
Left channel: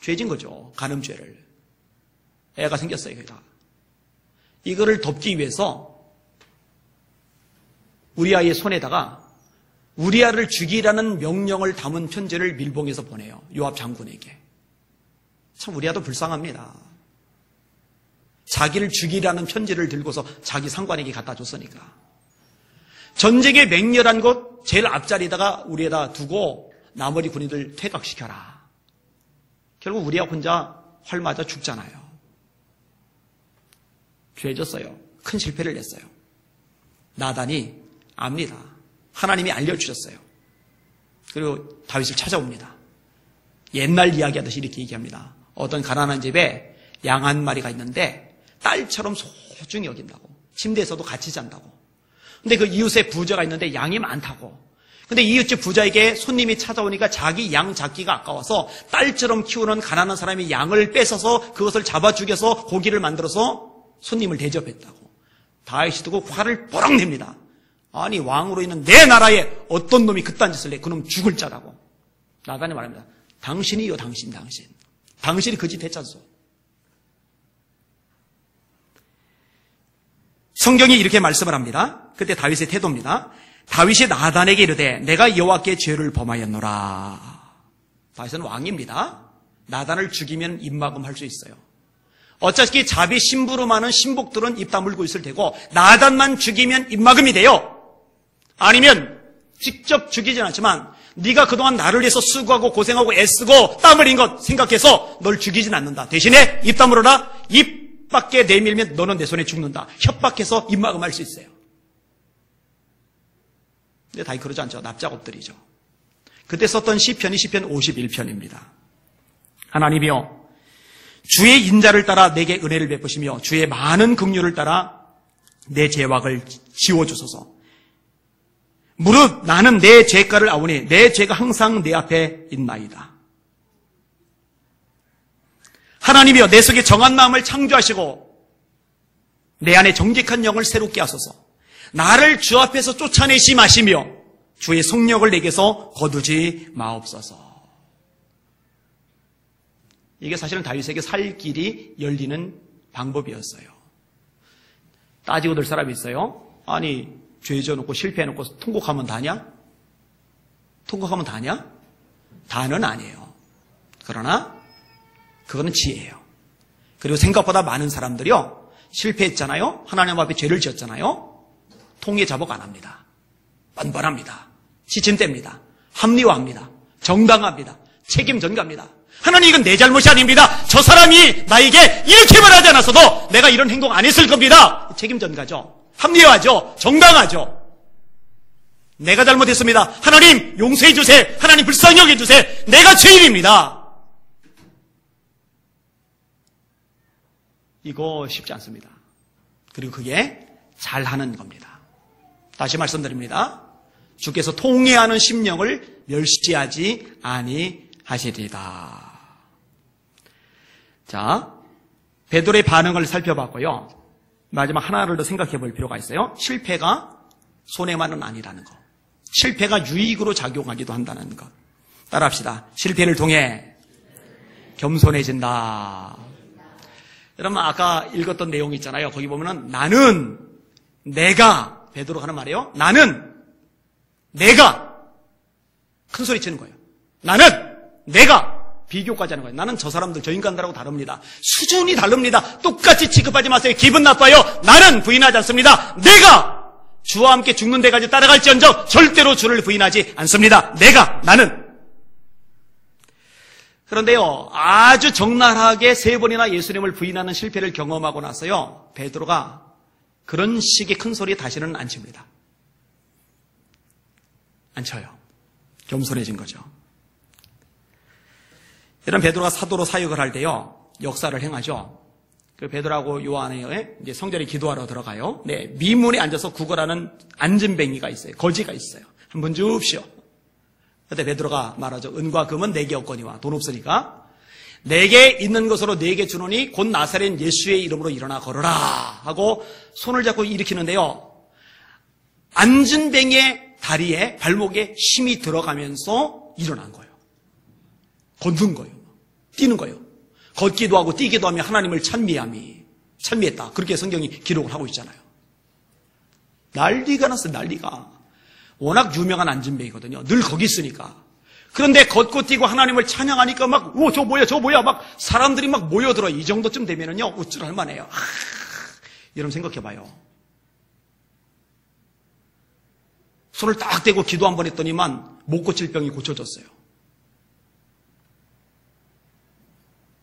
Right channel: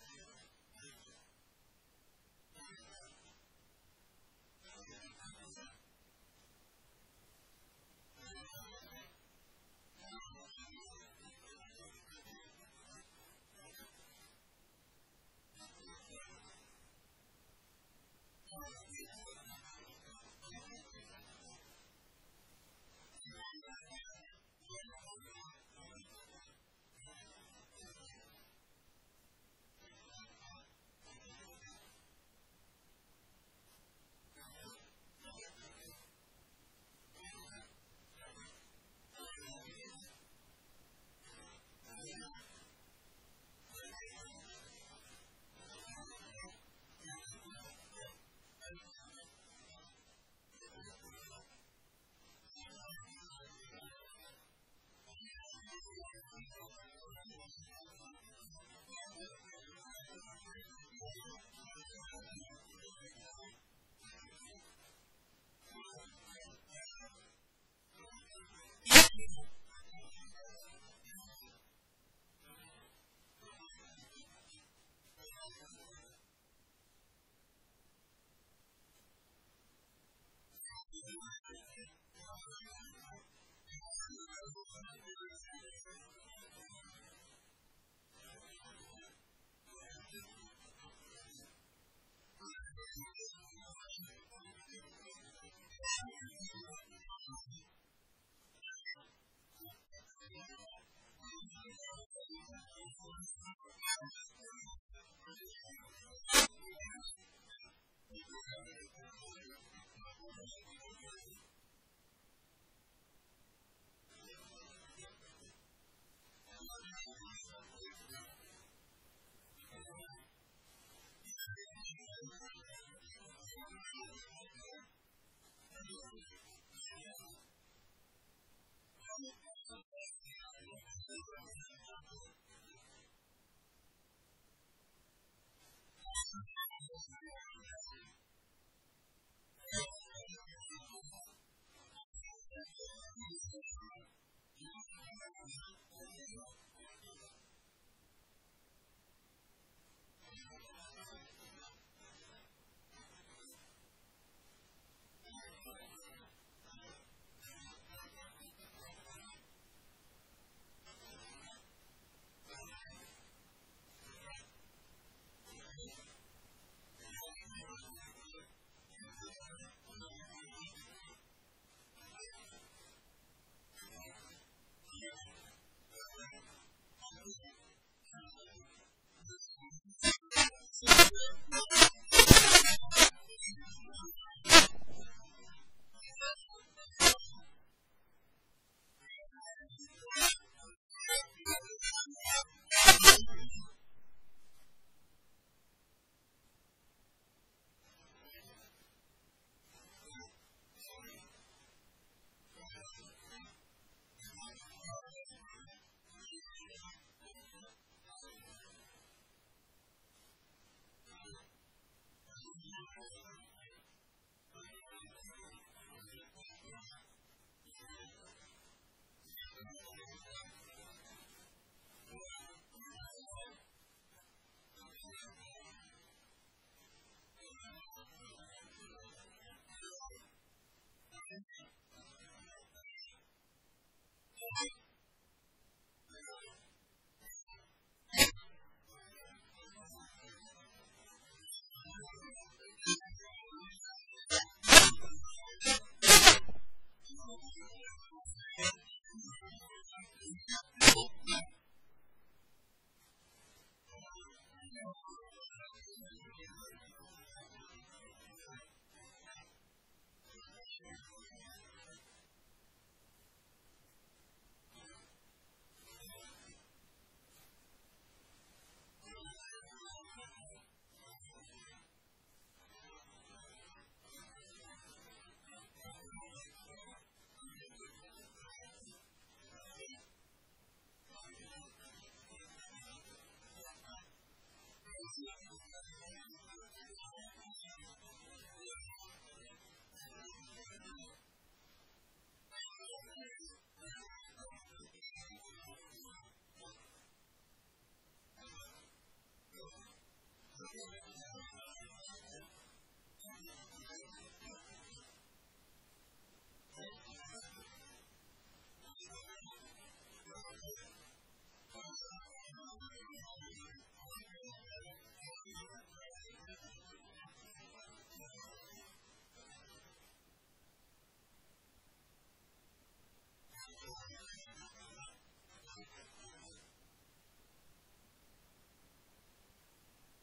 죄진 거죠. 간음죄를. 애가 생겼어요. 걔가. 이거를 덮기 위해서 우리아의 손에다가 우리아를 죽이라는 명령을 담은 편지를 밀봉해서 보내요. 요압 장군에게. 참 우리아도 불쌍합니다. 자기를 죽이라는 편지를 들고서 자기 상관에게 갖다 줬으니까. 전쟁의 맹렬한 곳 제일 앞자리에다가 우리에다 두고 나머지 군인들 퇴각시켜라. 결국 우리아 혼자 활 맞아 죽잖아요. 죄졌어요. 큰 실패를 냈어요. 나단이 압니다. 하나님이 알려주셨어요. 그리고 다윗을 찾아옵니다. 옛날 이야기하듯이 이렇게 얘기합니다. 어떤 가난한 집에 양 한 마리가 있는데 딸처럼 소중히 여긴다고. 침대에서도 같이 잔다고. 근데 그 이웃에 부자가 있는데 양이 많다고. 근데 이웃집 부자에게 손님이 찾아오니까 자기 양 잡기가 아까워서 딸처럼 키우는 가난한 사람이 양을 뺏어서 그것을 잡아 죽여서 고기를 만들어서 손님을 대접했다고. 다윗이 듣고 화를 뽀록 냅니다. 아니 왕으로 있는 내 나라에 어떤 놈이 그딴 짓을 해. 그놈 죽을 자라고. 나단이 말합니다. 당신이요 당신. 당신이 그 짓 했잖소. 성경이 이렇게 말씀을 합니다. 그때 다윗의 태도입니다. 다윗이 나단에게 이르되 내가 여호와께 죄를 범하였노라. 다윗은 왕입니다. 나단을 죽이면 입막음할 수 있어요. 어차피 자비 심부름하는 신복들은 입 다물고 있을 테고 나단만 죽이면 입막음이 돼요. 아니면 직접 죽이진 않지만 네가 그동안 나를 위해서 수고하고 고생하고 애쓰고 땀 흘린 것 생각해서 널 죽이진 않는다. 대신에 입 다물어라. 입 밖에 내밀면 너는 내 손에 죽는다. 협박해서 입막음할 수 있어요. 근데 다윗 그러지 않죠. 납작 엎드리죠. 그때 썼던 시편이 시편 51편입니다. 하나님이여 주의 인자를 따라 내게 은혜를 베푸시며 주의 많은 긍휼을 따라 내 죄악을 지워주소서. 무릇 나는 내 죄가를 아오니 내 죄가 항상 내 앞에 있나이다. 하나님이여 내 속에 정한 마음을 창조하시고 내 안에 정직한 영을 새롭게 하소서. 나를 주 앞에서 쫓아내시 마시며 주의 성령을 내게서 거두지 마옵소서. 이게 사실은 다윗에게 살 길이 열리는 방법이었어요. 따지고 들 사람이 있어요. 아니, 죄 져놓고 실패해놓고 통곡하면 다냐? 통곡하면 다냐? 다는 아니에요. 그러나 그거는 지혜예요. 그리고 생각보다 많은 사람들이요, 실패했잖아요. 하나님 앞에 죄를 지었잖아요. 통해 자복 안 합니다. 뻔뻔합니다. 시침됩니다. 합리화합니다. 정당합니다. 책임 전가합니다. 하나님, 이건 내 잘못이 아닙니다. 저 사람이 나에게 이렇게 말하지 않았어도 내가 이런 행동 안 했을 겁니다. 책임 전가죠. 합리화하죠. 정당하죠. 내가 잘못했습니다. 하나님 용서해 주세요. 하나님 불쌍히 여겨 주세요. 내가 죄인입니다. 이거 쉽지 않습니다. 그리고 그게 잘하는 겁니다. 다시 말씀드립니다. 주께서 통회하는 심령을 멸시하지 아니하시리다. 자, 베드로의 반응을 살펴봤고요. 마지막 하나를 더 생각해 볼 필요가 있어요. 실패가 손해만은 아니라는 것. 실패가 유익으로 작용하기도 한다는 것. 따라합시다. 실패를 통해 겸손해진다. 여러분, 아까 읽었던 내용 있잖아요. 거기 보면은 나는, 내가, 베드로 하는 말이에요. 나는, 내가 큰 소리 치는 거예요. 나는, 내가 비교까지 하는 거예요. 나는 저 사람들, 저 인간들하고 다릅니다. 수준이 다릅니다. 똑같이 취급하지 마세요. 기분 나빠요. 나는 부인하지 않습니다. 내가 주와 함께 죽는 데까지 따라갈지언정 절대로 주를 부인하지 않습니다. 내가, 나는. 그런데요, 아주 적나라하게 3번이나 예수님을 부인하는 실패를 경험하고 나서요, 베드로가 그런 식의 큰 소리 다시는 안 칩니다. 안 쳐요. 겸손해진 거죠. 이런 베드로가 사도로 사역을 할 때요, 역사를 행하죠. 그 베드로하고 요한이 이제 성전에 기도하러 들어가요. 네, 미문에 앉아서 구걸하는 앉은뱅이가 있어요. 거지가 있어요. 한번 줍시오. 그때 베드로가 말하죠. 은과 금은 내게 없거니와. 돈 없으니까 내게 있는 것으로 내게 주노니 곧 나사렛 예수의 이름으로 일어나 걸어라 하고 손을 잡고 일으키는데요, 앉은뱅이의 다리에 발목에 힘이 들어가면서 일어난 거예요. 걷는 거예요. 뛰는 거예요. 걷기도 하고 뛰기도 하며 하나님을 찬미했다. 그렇게 성경이 기록을 하고 있잖아요. 난리가 났어요. 난리가. 워낙 유명한 앉은뱅이거든요. 늘 거기 있으니까. 그런데 걷고 뛰고 하나님을 찬양하니까 막, 오, 저 뭐야, 막 사람들이 막 모여들어. 이 정도쯤 되면은요, 우쭐할 만해요. 여러분 생각해봐요. 손을 딱 대고 기도 한 번 했더니만 못 고칠 병이 고쳐졌어요.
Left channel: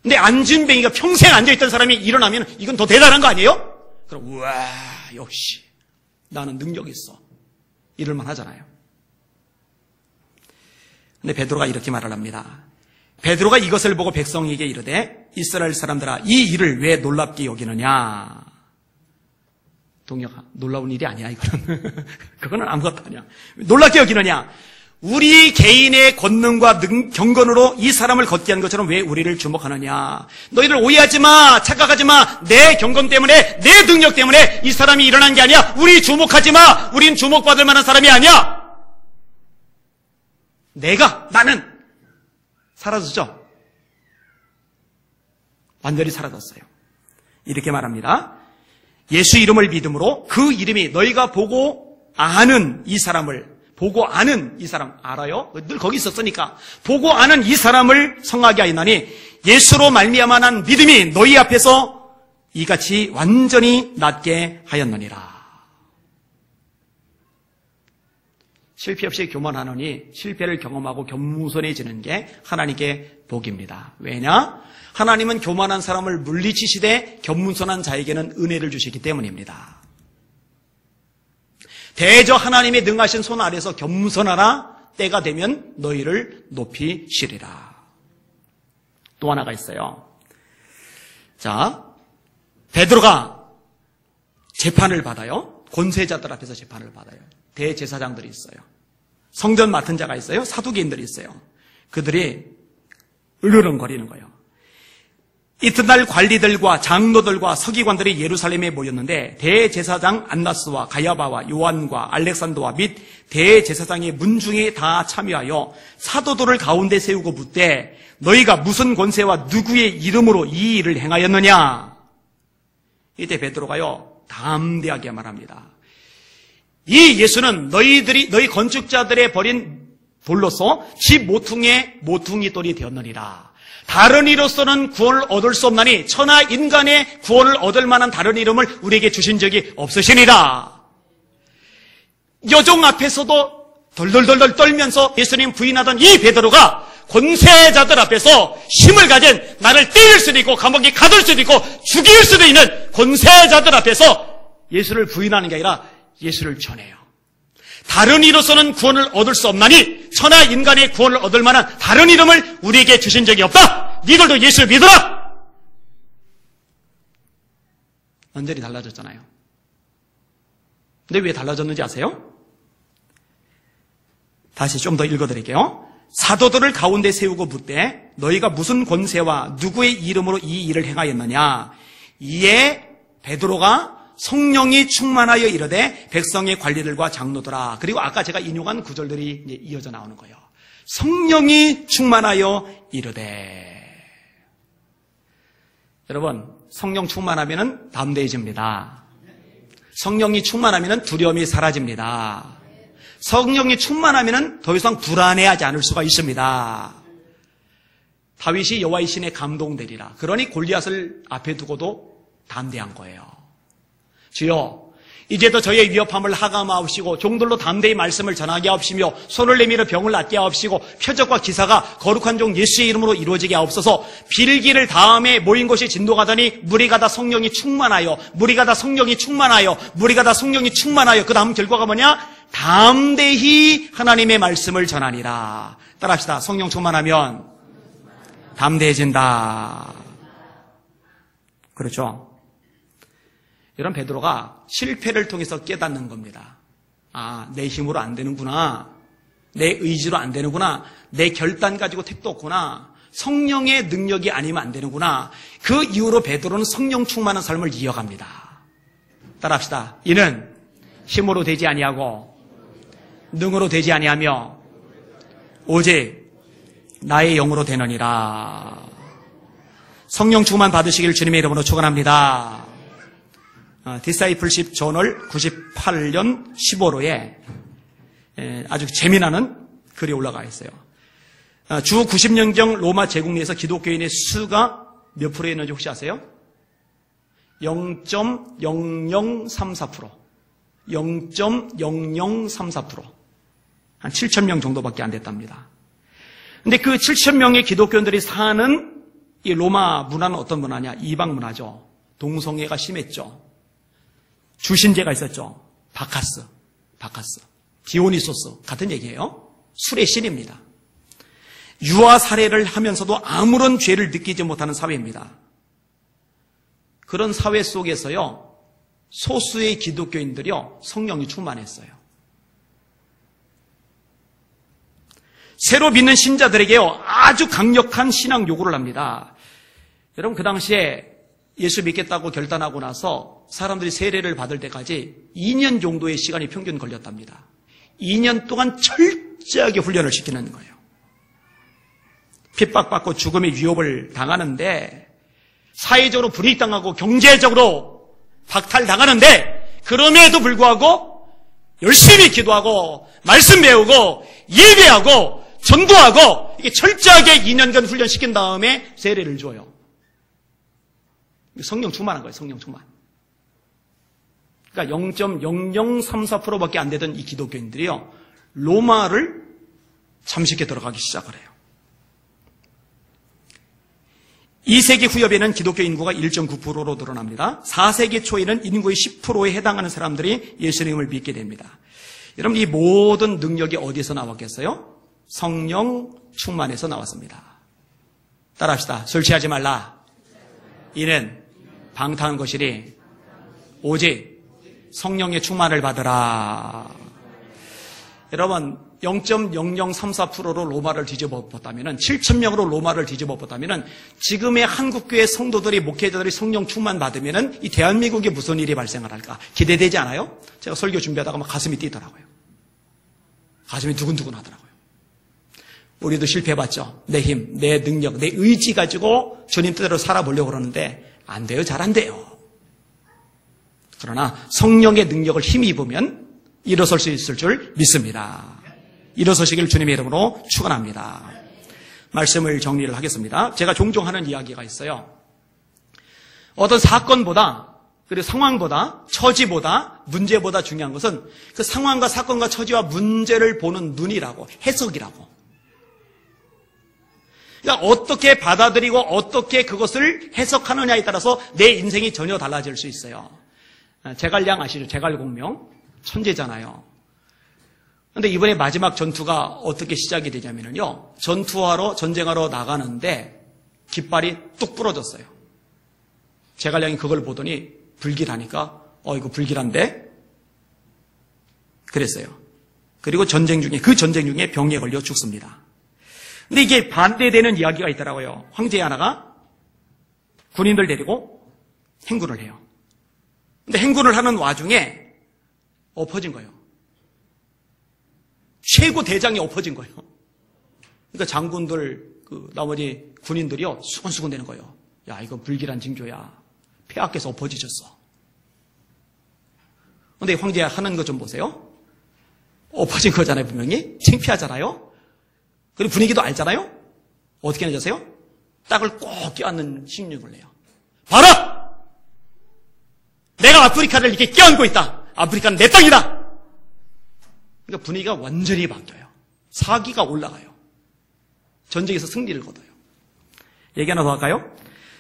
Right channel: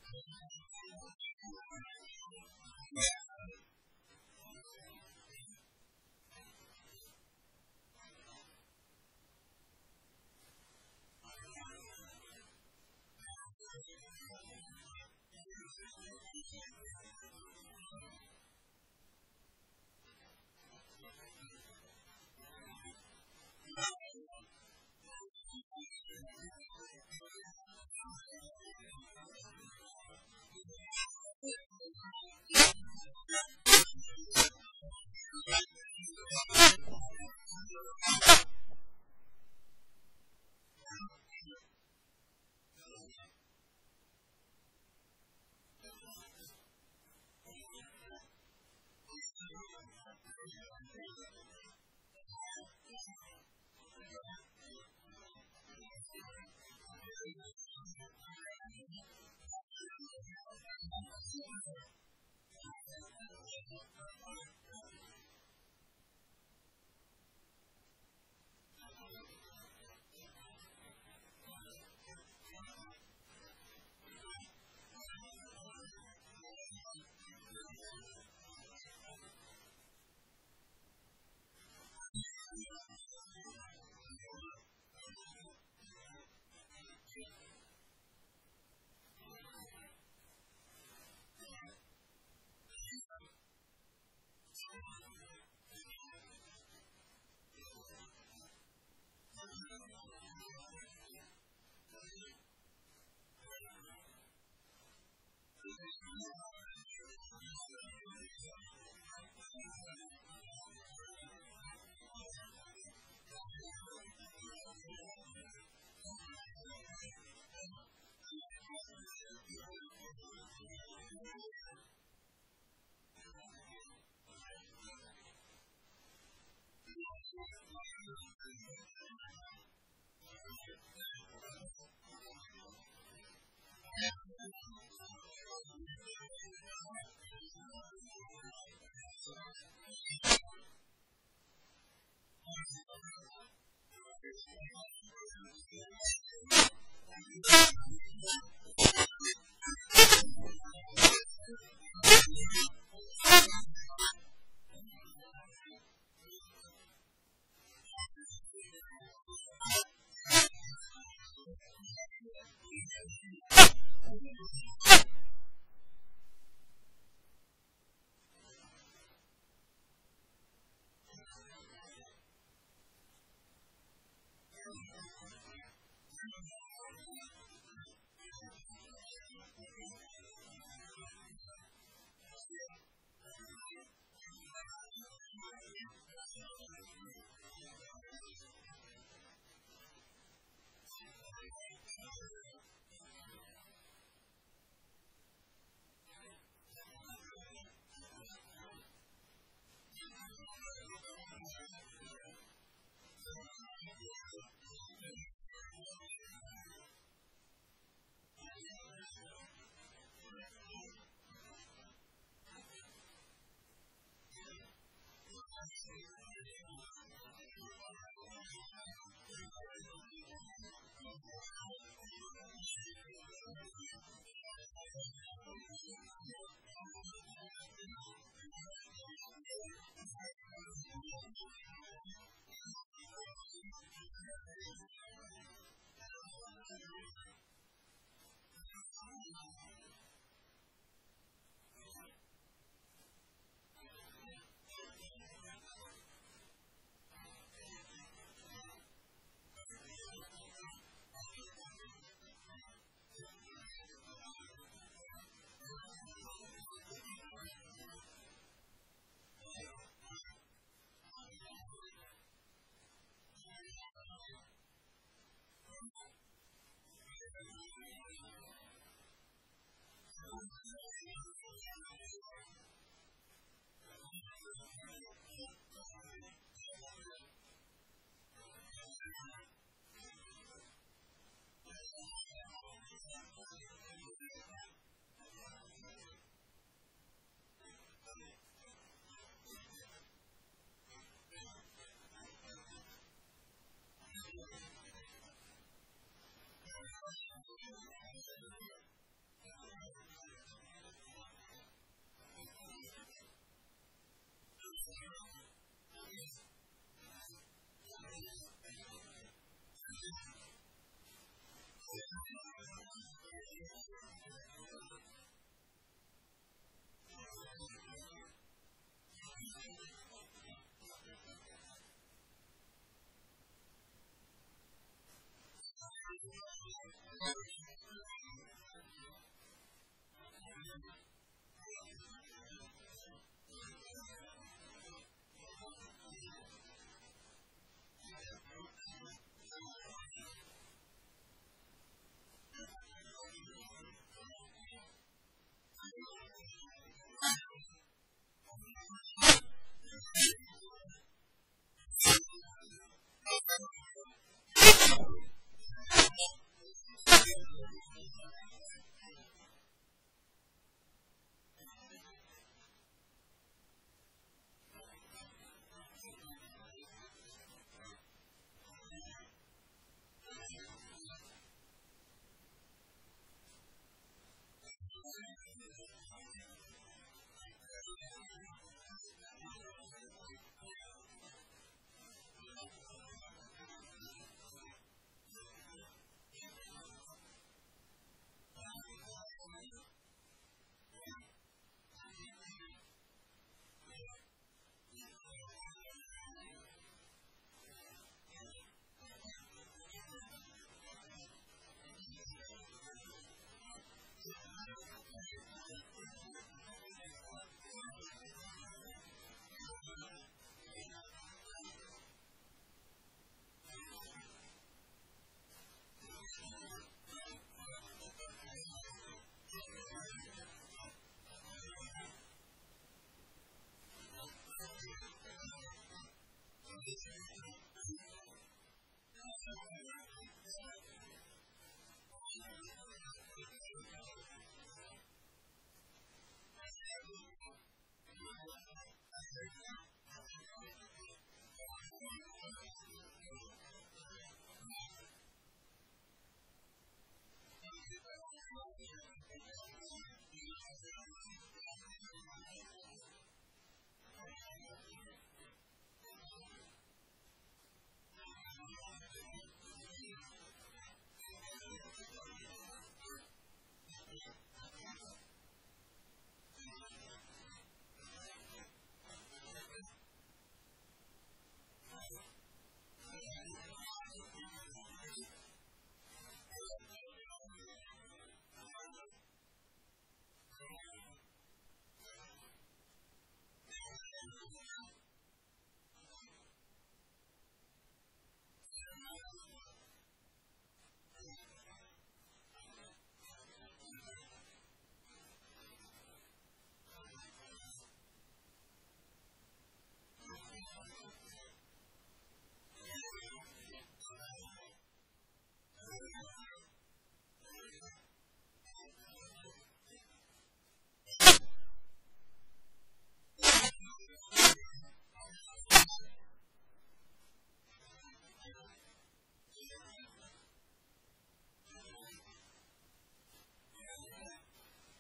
근데 앉은뱅이가 평생 앉아있던 사람이 일어나면 이건 더 대단한 거 아니에요? 그럼 우와, 역시 나는 능력이 있어. 이럴만 하잖아요. 근데 베드로가 이렇게 말을 합니다. 베드로가 이것을 보고 백성에게 이르되 이스라엘 사람들아, 이 일을 왜 놀랍게 여기느냐. 동혁아, 놀라운 일이 아니야 이거는. 그거는 아무것도 아니야. 놀랍게 여기느냐. 우리 개인의 권능과 경건으로 이 사람을 걷게 한 것처럼 왜 우리를 주목하느냐. 너희들 오해하지 마. 착각하지 마. 내 경건 때문에, 내 능력 때문에 이 사람이 일어난 게 아니야. 우리 주목하지 마. 우린 주목받을 만한 사람이 아니야. 나는 사라졌죠. 완전히 사라졌어요. 이렇게 말합니다. 예수 이름을 믿음으로 그 이름이 너희가 보고 아는 이 사람을, 보고 아는 이 사람 알아요? 늘 거기 있었으니까. 보고 아는 이 사람을 성하게 하였나니 예수로 말미암아 난 믿음이 너희 앞에서 이같이 완전히 낫게 하였느니라. 실패 없이 교만하노니 실패를 경험하고 겸손해지는 게 하나님께 복입니다. 왜냐? 하나님은 교만한 사람을 물리치시되 겸손한 자에게는 은혜를 주시기 때문입니다. 대저 하나님의 능하신 손 아래서 겸손하라. 때가 되면 너희를 높이시리라. 또 하나가 있어요. 자, 베드로가 재판을 받아요. 권세자들 앞에서 재판을 받아요. 대제사장들이 있어요. 성전 맡은 자가 있어요. 사두개인들이 있어요. 그들이 으르렁거리는 거예요. 이튿날 관리들과 장로들과 서기관들이 예루살렘에 모였는데 대제사장 안나스와 가야바와 요한과 알렉산더와 및 대제사장의 문중에 다 참여하여 사도들을 가운데 세우고 묻되 너희가 무슨 권세와 누구의 이름으로 이 일을 행하였느냐? 이때 베드로가요, 담대하게 말합니다. 이 예수는 너희 건축자들의 버린 돌로서 집 모퉁이의 모퉁이 돌이 되었느니라. 다른 이로서는 구원을 얻을 수 없나니 천하 인간의 구원을 얻을 만한 다른 이름을 우리에게 주신 적이 없으시니라. 여종 앞에서도 덜덜덜 떨면서 예수님 부인하던 이 베드로가 권세자들 앞에서 힘을 가진, 나를 때릴 수도 있고 감옥에 가둘 수도 있고 죽일 수도 있는 권세자들 앞에서 예수를 부인하는 게 아니라 예수를 전해요. 다른 이로서는 구원을 얻을 수 없나니 천하 인간의 구원을 얻을 만한 다른 이름을 우리에게 주신 적이 없다. 니들도 예수를 믿어라. 완전히 달라졌잖아요. 근데 왜 달라졌는지 아세요? 다시 좀 더 읽어드릴게요. 사도들을 가운데 세우고 묻되 너희가 무슨 권세와 누구의 이름으로 이 일을 행하였느냐. 이에 베드로가 성령이 충만하여 이르되 백성의 관리들과 장로들아. 그리고 아까 제가 인용한 구절들이 이제 이어져 나오는 거예요. 성령이 충만하여 이르되. 여러분, 성령 충만하면 담대해집니다. 성령이 충만하면 두려움이 사라집니다. 성령이 충만하면 더 이상 불안해하지 않을 수가 있습니다. 다윗이 여호와의 신에 감동되리라. 그러니 골리앗을 앞에 두고도 담대한 거예요. 주여, 이제도 저의 위협함을 하감하옵시고 종들로 담대히 말씀을 전하게 하옵시며 손을 내밀어 병을 낫게 하옵시고 표적과 기사가 거룩한 종 예수의 이름으로 이루어지게 하옵소서. 빌기를 다음에 모인 곳이 진동하더니 무리가 다 성령이 충만하여, 무리가 다 성령이 충만하여, 무리가 다 성령이 충만하여. 그 다음 결과가 뭐냐? 담대히 하나님의 말씀을 전하니라. 따라합시다. 성령 충만하면 담대해진다. 그렇죠? 이런 베드로가 실패를 통해서 깨닫는 겁니다. 아, 내 힘으로 안 되는구나. 내 의지로 안 되는구나. 내 결단 가지고 택도 없구나. 성령의 능력이 아니면 안 되는구나. 그 이후로 베드로는 성령 충만한 삶을 이어갑니다. 따라합시다. 이는 힘으로 되지 아니하고 능으로 되지 아니하며 오직 나의 영으로 되느니라. 성령 충만 받으시길 주님의 이름으로 축원합니다. 디사이플십 저널 98년 15호에 아주 재미나는 글이 올라가 있어요. 주 90년경 로마 제국 내에서 기독교인의 수가 몇 프로였는지 혹시 아세요? 0.0034%. 0.0034%. 한 7,000명 정도밖에 안 됐답니다. 근데 그 7,000명의 기독교인들이 사는 이 로마 문화는 어떤 문화냐? 이방 문화죠. 동성애가 심했죠. 주신제가 있었죠. 바카스. 디오니소스. 같은 얘기예요. 술의 신입니다. 유아 살해를 하면서도 아무런 죄를 느끼지 못하는 사회입니다. 그런 사회 속에서요, 소수의 기독교인들이요, 성령이 충만했어요. 새로 믿는 신자들에게요, 아주 강력한 신앙 요구를 합니다. 여러분, 그 당시에 예수 믿겠다고 결단하고 나서 사람들이 세례를 받을 때까지 2년 정도의 시간이 평균 걸렸답니다. 2년 동안 철저하게 훈련을 시키는 거예요. 핍박받고 죽음의 위협을 당하는데, 사회적으로 불이익당하고 경제적으로 박탈당하는데, 그럼에도 불구하고 열심히 기도하고 말씀 배우고 예배하고 전도하고 이게 철저하게 2년간 훈련시킨 다음에 세례를 줘요. 성령 충만한 거예요. 성령 충만. 그러니까 0.0034%밖에 안 되던 이 기독교인들이요, 로마를 잠식해 들어가기 시작을 해요. 2세기 후엽에는 기독교 인구가 1.9%로 늘어납니다. 4세기 초에는 인구의 10%에 해당하는 사람들이 예수님을 믿게 됩니다. 여러분, 이 모든 능력이 어디에서 나왔겠어요? 성령 충만에서 나왔습니다. 따라합시다. 술 취하지 말라. 이는 방탕한 것이니 오직 성령의 충만을 받으라. 여러분, 0.0034%로 로마를 뒤집어봤다면, 7,000명으로 로마를 뒤집어봤다면, 지금의 한국교회 성도들이, 목회자들이 성령 충만 받으면 이 대한민국에 무슨 일이 발생을 할까? 기대되지 않아요? 제가 설교 준비하다가 막 가슴이 뛰더라고요. 가슴이 두근두근 하더라고요. 우리도 실패해봤죠. 내 힘, 내 능력, 내 의지 가지고 주님 뜻대로 살아보려고 그러는데 안 돼요. 잘 안 돼요. 그러나 성령의 능력을 힘입으면 일어설 수 있을 줄 믿습니다. 일어서시길 주님의 이름으로 축원합니다. 말씀을 정리를 하겠습니다. 제가 종종 하는 이야기가 있어요. 어떤 사건보다, 그리고 상황보다, 처지보다, 문제보다 중요한 것은 그 상황과 사건과 처지와 문제를 보는 눈이라고, 해석이라고. 그러니까 어떻게 받아들이고 어떻게 그것을 해석하느냐에 따라서 내 인생이 전혀 달라질 수 있어요. 제갈량 아시죠? 제갈공명. 천재잖아요. 그런데 이번에 마지막 전투가 어떻게 시작이 되냐면요. 전쟁하러 나가는데 깃발이 뚝 부러졌어요. 제갈량이 그걸 보더니 불길하니까 이거 불길한데? 그랬어요. 그리고 그 전쟁 중에 병에 걸려 죽습니다. 근데 이게 반대되는 이야기가 있더라고요. 황제 하나가 군인들 데리고 행군을 해요. 근데 행군을 하는 와중에 엎어진 거예요. 최고 대장이 엎어진 거예요. 그러니까 장군들, 나머지 군인들이요, 수근수근 되는 거예요. 야, 이거 불길한 징조야. 폐하께서 엎어지셨어. 근데 황제 하는 거 좀 보세요. 엎어진 거잖아요, 분명히. 창피하잖아요. 그리고 분위기도 알잖아요. 어떻게 내셨어요? 딱을 꼭 껴안는 심령을 내요. 봐라! 내가 아프리카를 이렇게 껴안고 있다. 아프리카는 내 땅이다. 그러니까 분위기가 완전히 바뀌어요. 사기가 올라가요. 전쟁에서 승리를 거둬요. 얘기 하나 더 할까요?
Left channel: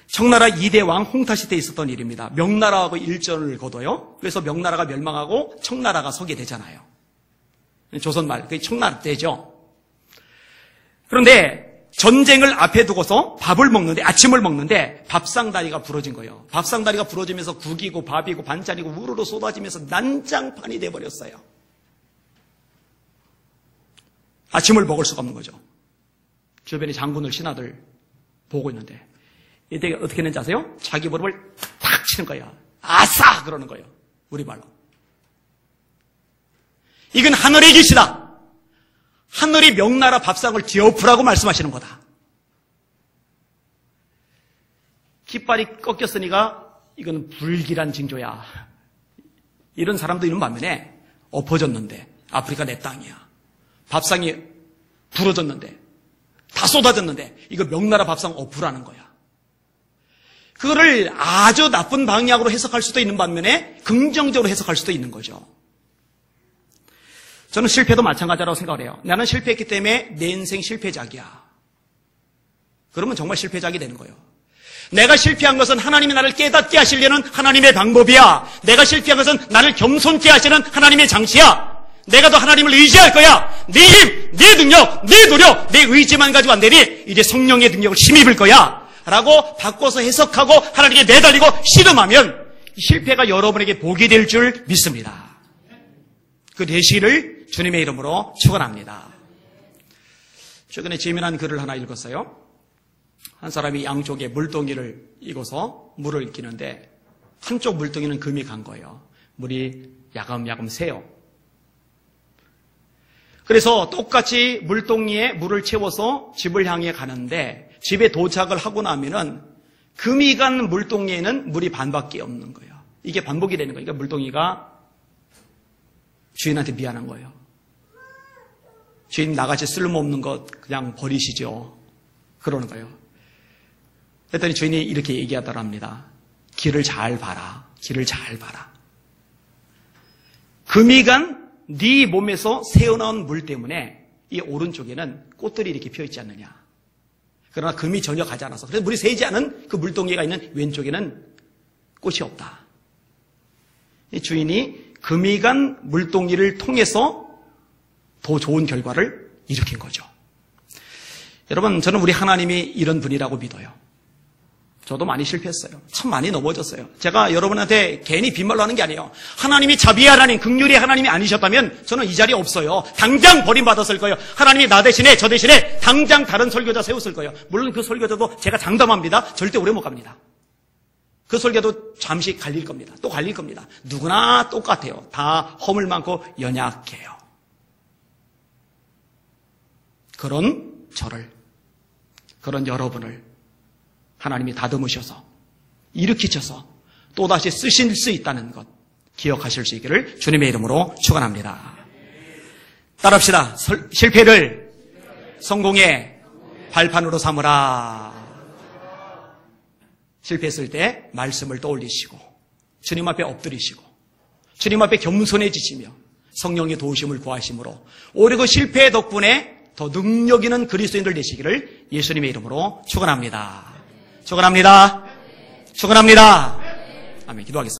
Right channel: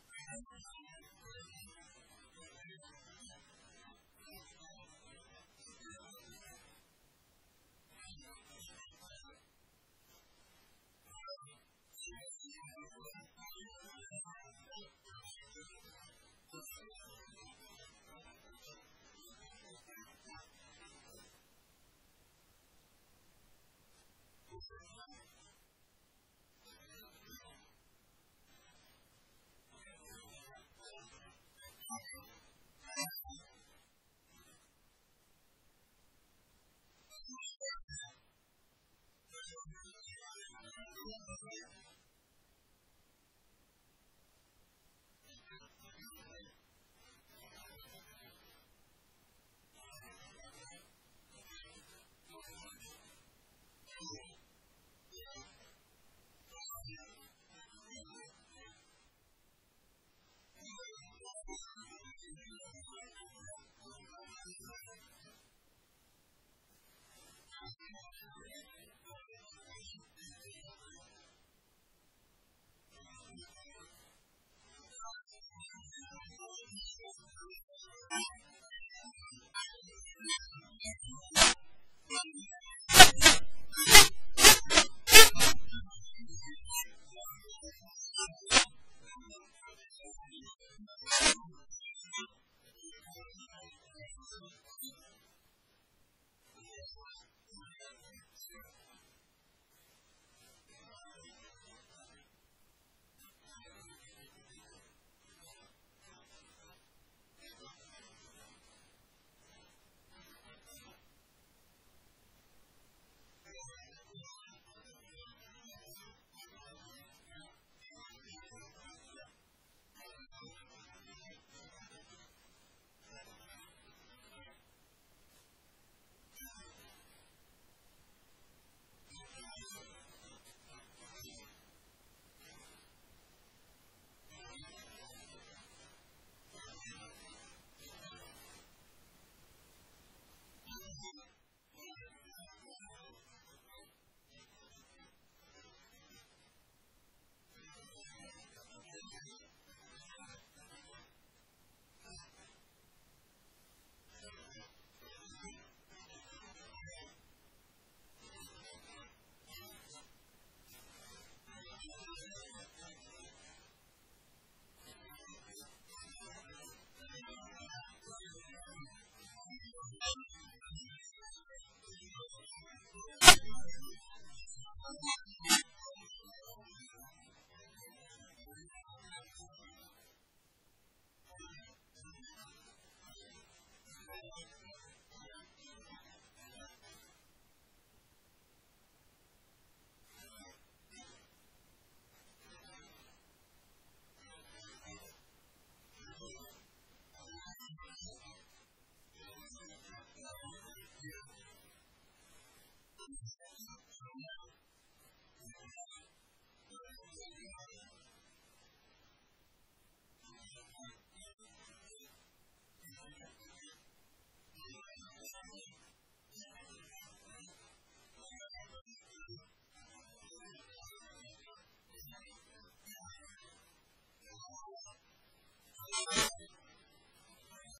청나라 2대 왕 홍타시 때 있었던 일입니다. 명나라하고 일전을 거둬요. 그래서 명나라가 멸망하고 청나라가 서게 되잖아요. 조선말, 그게 청나라 때죠. 그런데 전쟁을 앞에 두고서 아침을 먹는데 밥상다리가 부러진 거예요. 밥상다리가 부러지면서 국이고 밥이고 반찬이고 우르르 쏟아지면서 난장판이 돼버렸어요. 아침을 먹을 수가 없는 거죠. 주변에 장군들, 신하들 보고 있는데 이때 어떻게 했는지 아세요? 자기 무릎을 탁 치는 거예요. 아싸! 그러는 거예요. 우리말로. 이건 하늘의 계시다. 하늘이 명나라 밥상을 뒤엎으라고 말씀하시는 거다. 깃발이 꺾였으니까 이건 불길한 징조야. 이런 사람도 있는 반면에 엎어졌는데 아프리카 내 땅이야. 밥상이 부러졌는데 다 쏟아졌는데 이거 명나라 밥상 엎으라는 거야. 그거를 아주 나쁜 방향으로 해석할 수도 있는 반면에 긍정적으로 해석할 수도 있는 거죠. 저는 실패도 마찬가지라고 생각을 해요. 나는 실패했기 때문에 내 인생 실패작이야. 그러면 정말 실패작이 되는 거예요. 내가 실패한 것은 하나님이 나를 깨닫게 하시려는 하나님의 방법이야. 내가 실패한 것은 나를 겸손케 하시는 하나님의 장치야. 내가 더 하나님을 의지할 거야. 네 힘, 네 능력, 네 노력, 내 의지만 가지고 안 되니 이제 성령의 능력을 힘입을 거야. 라고 바꿔서 해석하고 하나님께 내달리고 씨름하면 실패가 여러분에게 복이 될 줄 믿습니다. 그 되시기를 주님의 이름으로 축원합니다. 최근에 재미난 글을 하나 읽었어요. 한 사람이 양쪽에 물동이를 익어서 물을 끼는데 한쪽 물동이는 금이 간 거예요. 물이 야금야금 새요. 그래서 똑같이 물동이에 물을 채워서 집을 향해 가는데 집에 도착을 하고 나면은 금이 간 물동이에는 물이 반밖에 없는 거예요. 이게 반복이 되는 거예요. 그러니까 물동이가 주인한테 미안한 거예요. 주인 나같이 쓸모없는 것 그냥 버리시죠. 그러는 거예요. 그랬더니 주인이 이렇게 얘기하더랍니다. 길을 잘 봐라. 길을 잘 봐라. 금이 간 네 몸에서 새어나온 물 때문에 이 오른쪽에는 꽃들이 이렇게 피어있지 않느냐. 그러나 금이 전혀 가지 않아서 그래서 물이 새지 않은 그 물동이가 있는 왼쪽에는 꽃이 없다. 이 주인이 금이 간 물동이를 통해서 더 좋은 결과를 일으킨 거죠. 여러분, 저는 우리 하나님이 이런 분이라고 믿어요. 저도 많이 실패했어요. 참 많이 넘어졌어요. 제가 여러분한테 괜히 빈말로 하는 게 아니에요. 하나님이 자비의 하나님, 긍휼의 하나님이 아니셨다면 저는 이 자리에 없어요. 당장 버림받았을 거예요. 하나님이 나 대신에 저 대신에 당장 다른 설교자 세웠을 거예요. 물론 그 설교자도 제가 장담합니다. 절대 오래 못 갑니다. 그 설교도 잠시 갈릴 겁니다. 또 갈릴 겁니다. 누구나 똑같아요. 다 허물 많고 연약해요. 그런 저를, 그런 여러분을 하나님이 다듬으셔서 일으키셔서 또다시 쓰실 수 있다는 것, 기억하실 수 있기를 주님의 이름으로 축원합니다. 따라합시다. 실패를 성공의 발판으로 삼으라. 실패했을 때 말씀을 떠올리시고 주님 앞에 엎드리시고 주님 앞에 겸손해지시며 성령의 도우심을 구하심으로 오히려 그 실패 덕분에 더 능력 있는 그리스도인들 되시기를 예수님의 이름으로 축원합니다. 축원합니다. 축원합니다. 아멘. 기도하겠습니다.